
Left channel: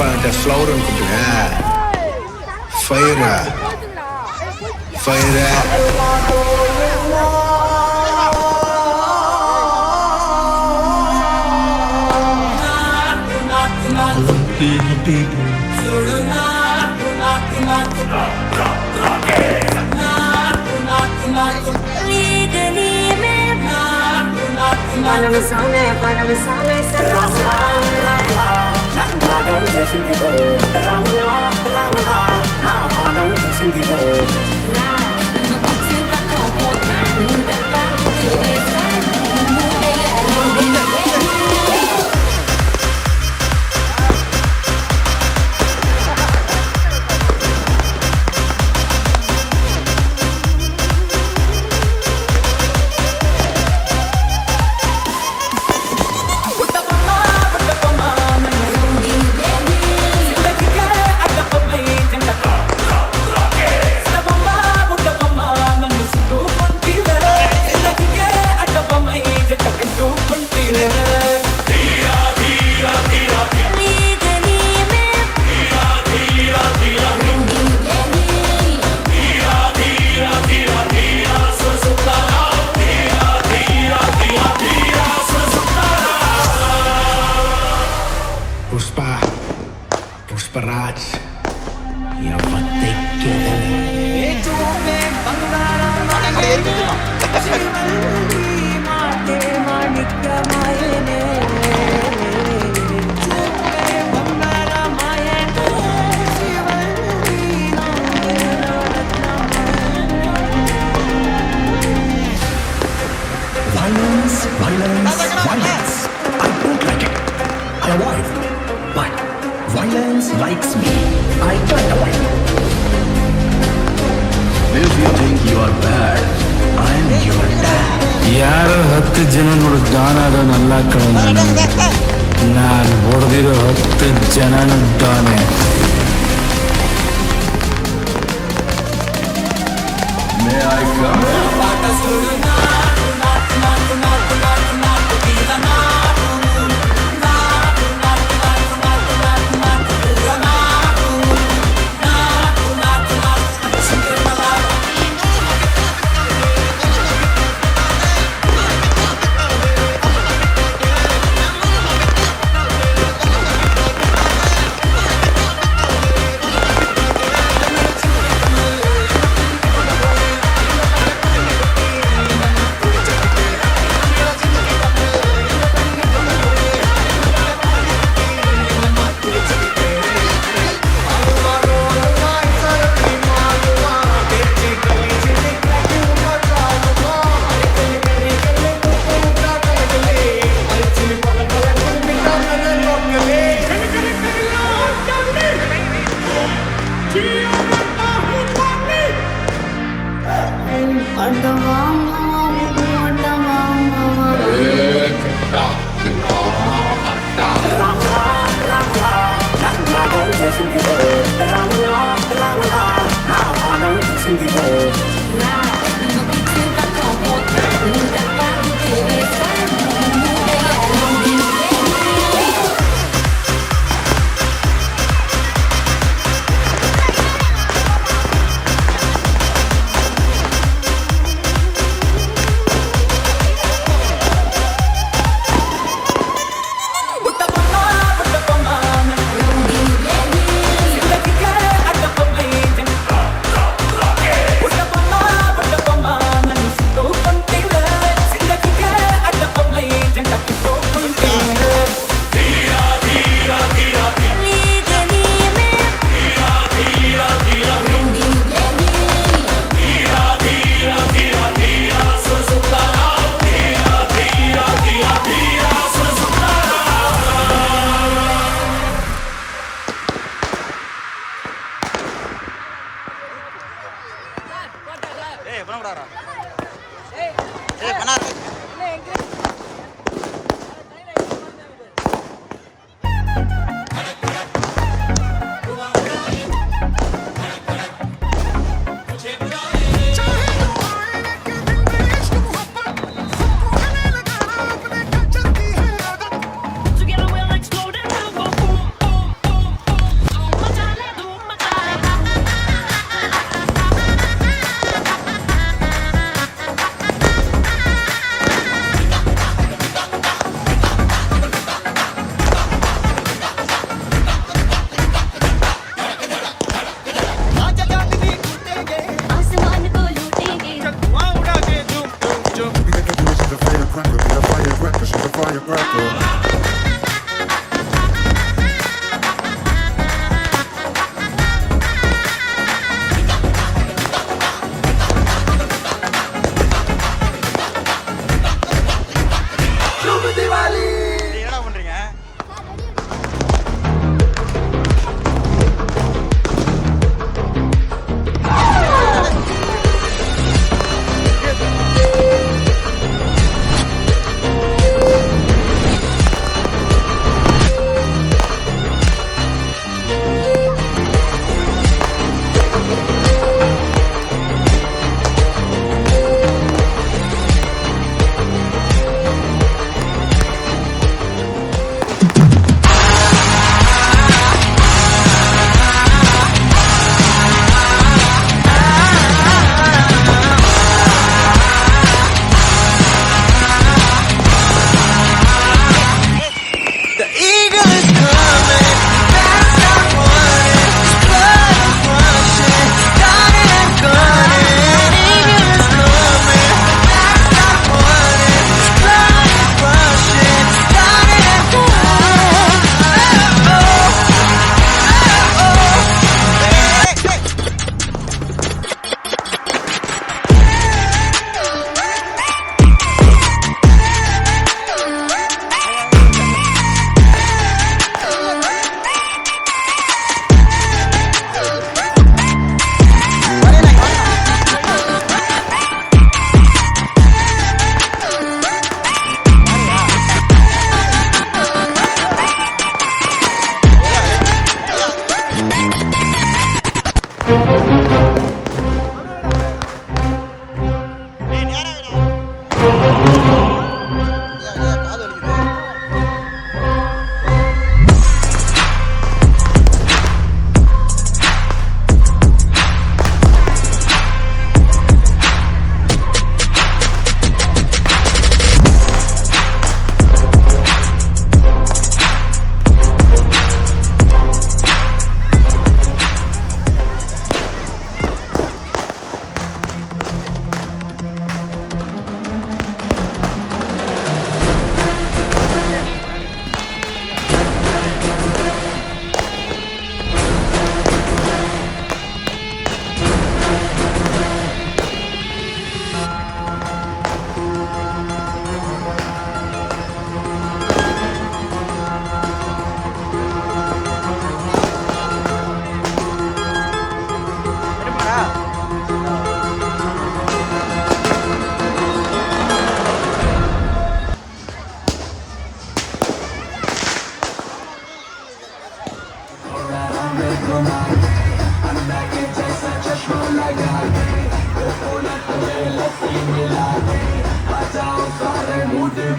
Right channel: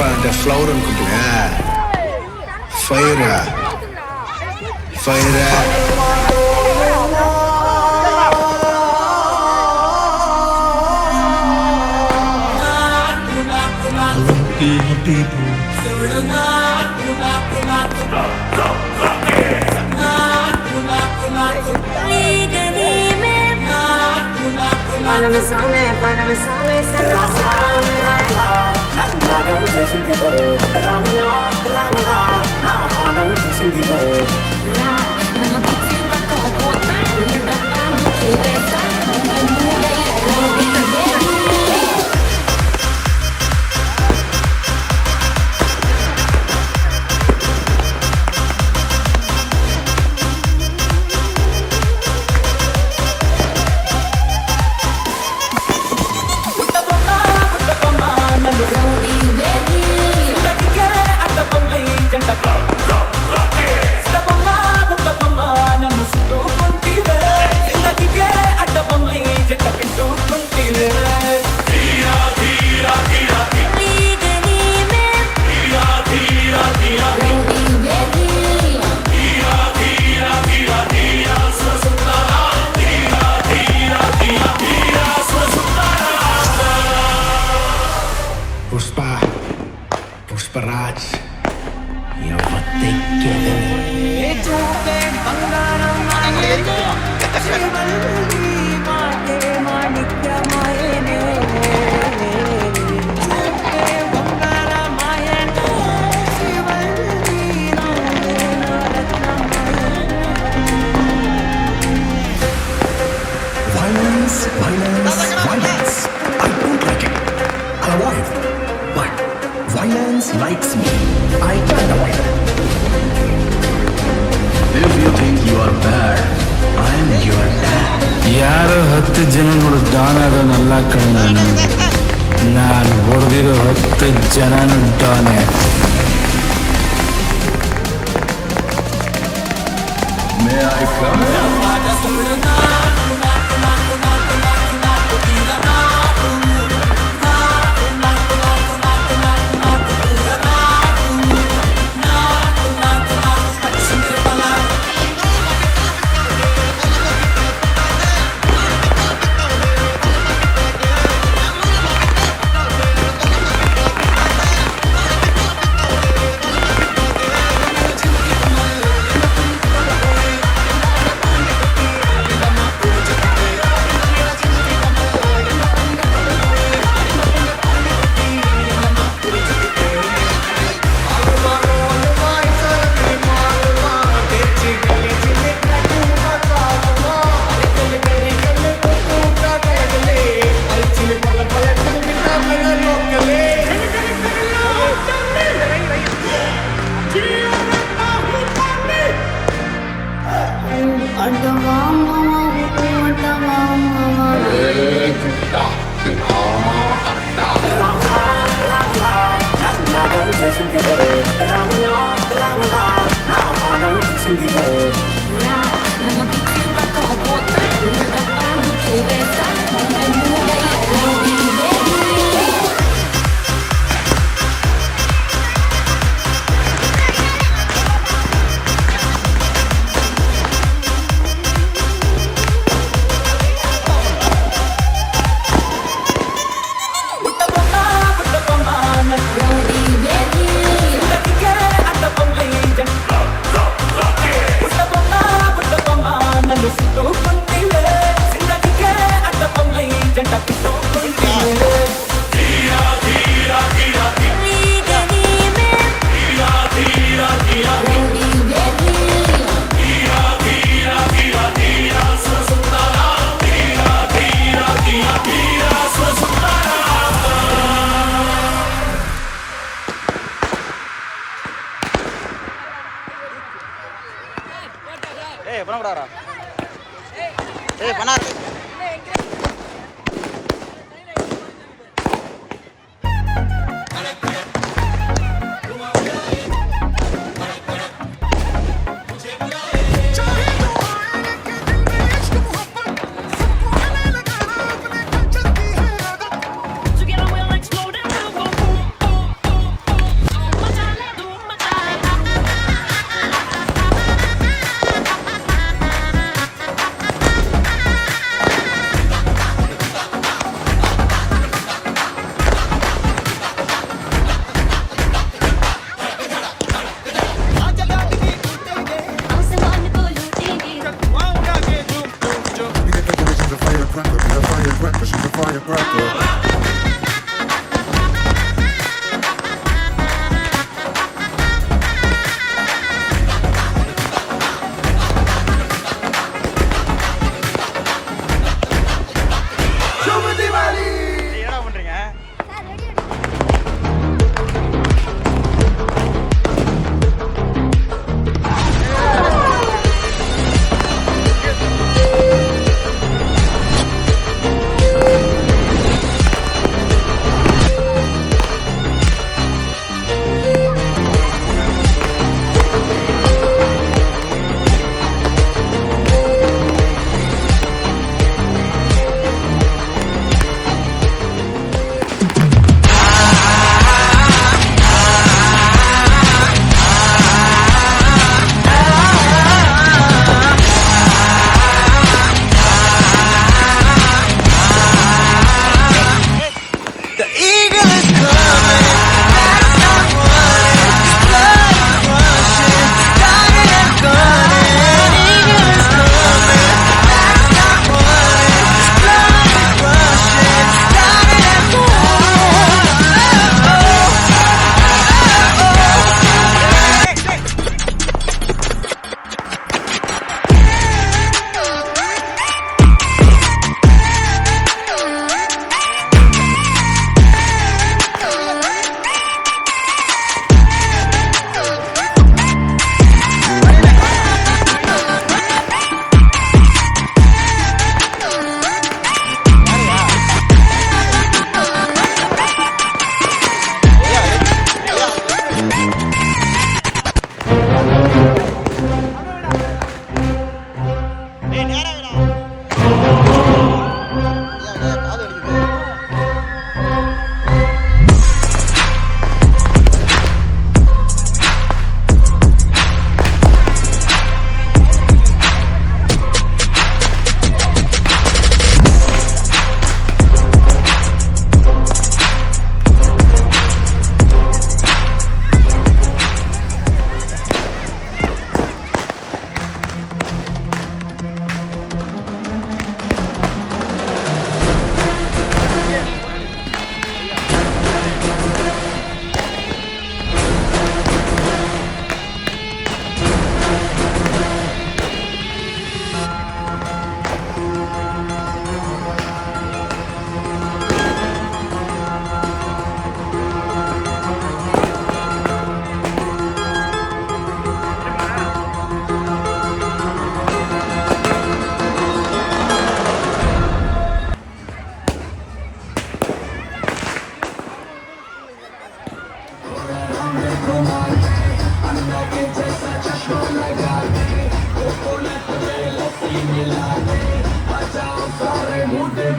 అంటే flower అనుకుంటున్నా fire fire Pushparaj చూపే బంగారం మాటే మాణిక్యమాయనే చూపే బంగారమాయనే Shivalli నవ్వేన రత్నమాయనే Violence, violence, violence. I don't like it. I avoid. But violence likes me. I can't avoid. If you think you are bad, I am your dad. ಯಾರು 10 ಜನ ಡಾನ್ ಕಣ ನಾನು ಹೊಡೆದಿರೋ 10 ಜನನು ಡಾನೆ. May I come?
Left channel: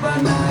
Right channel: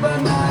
बना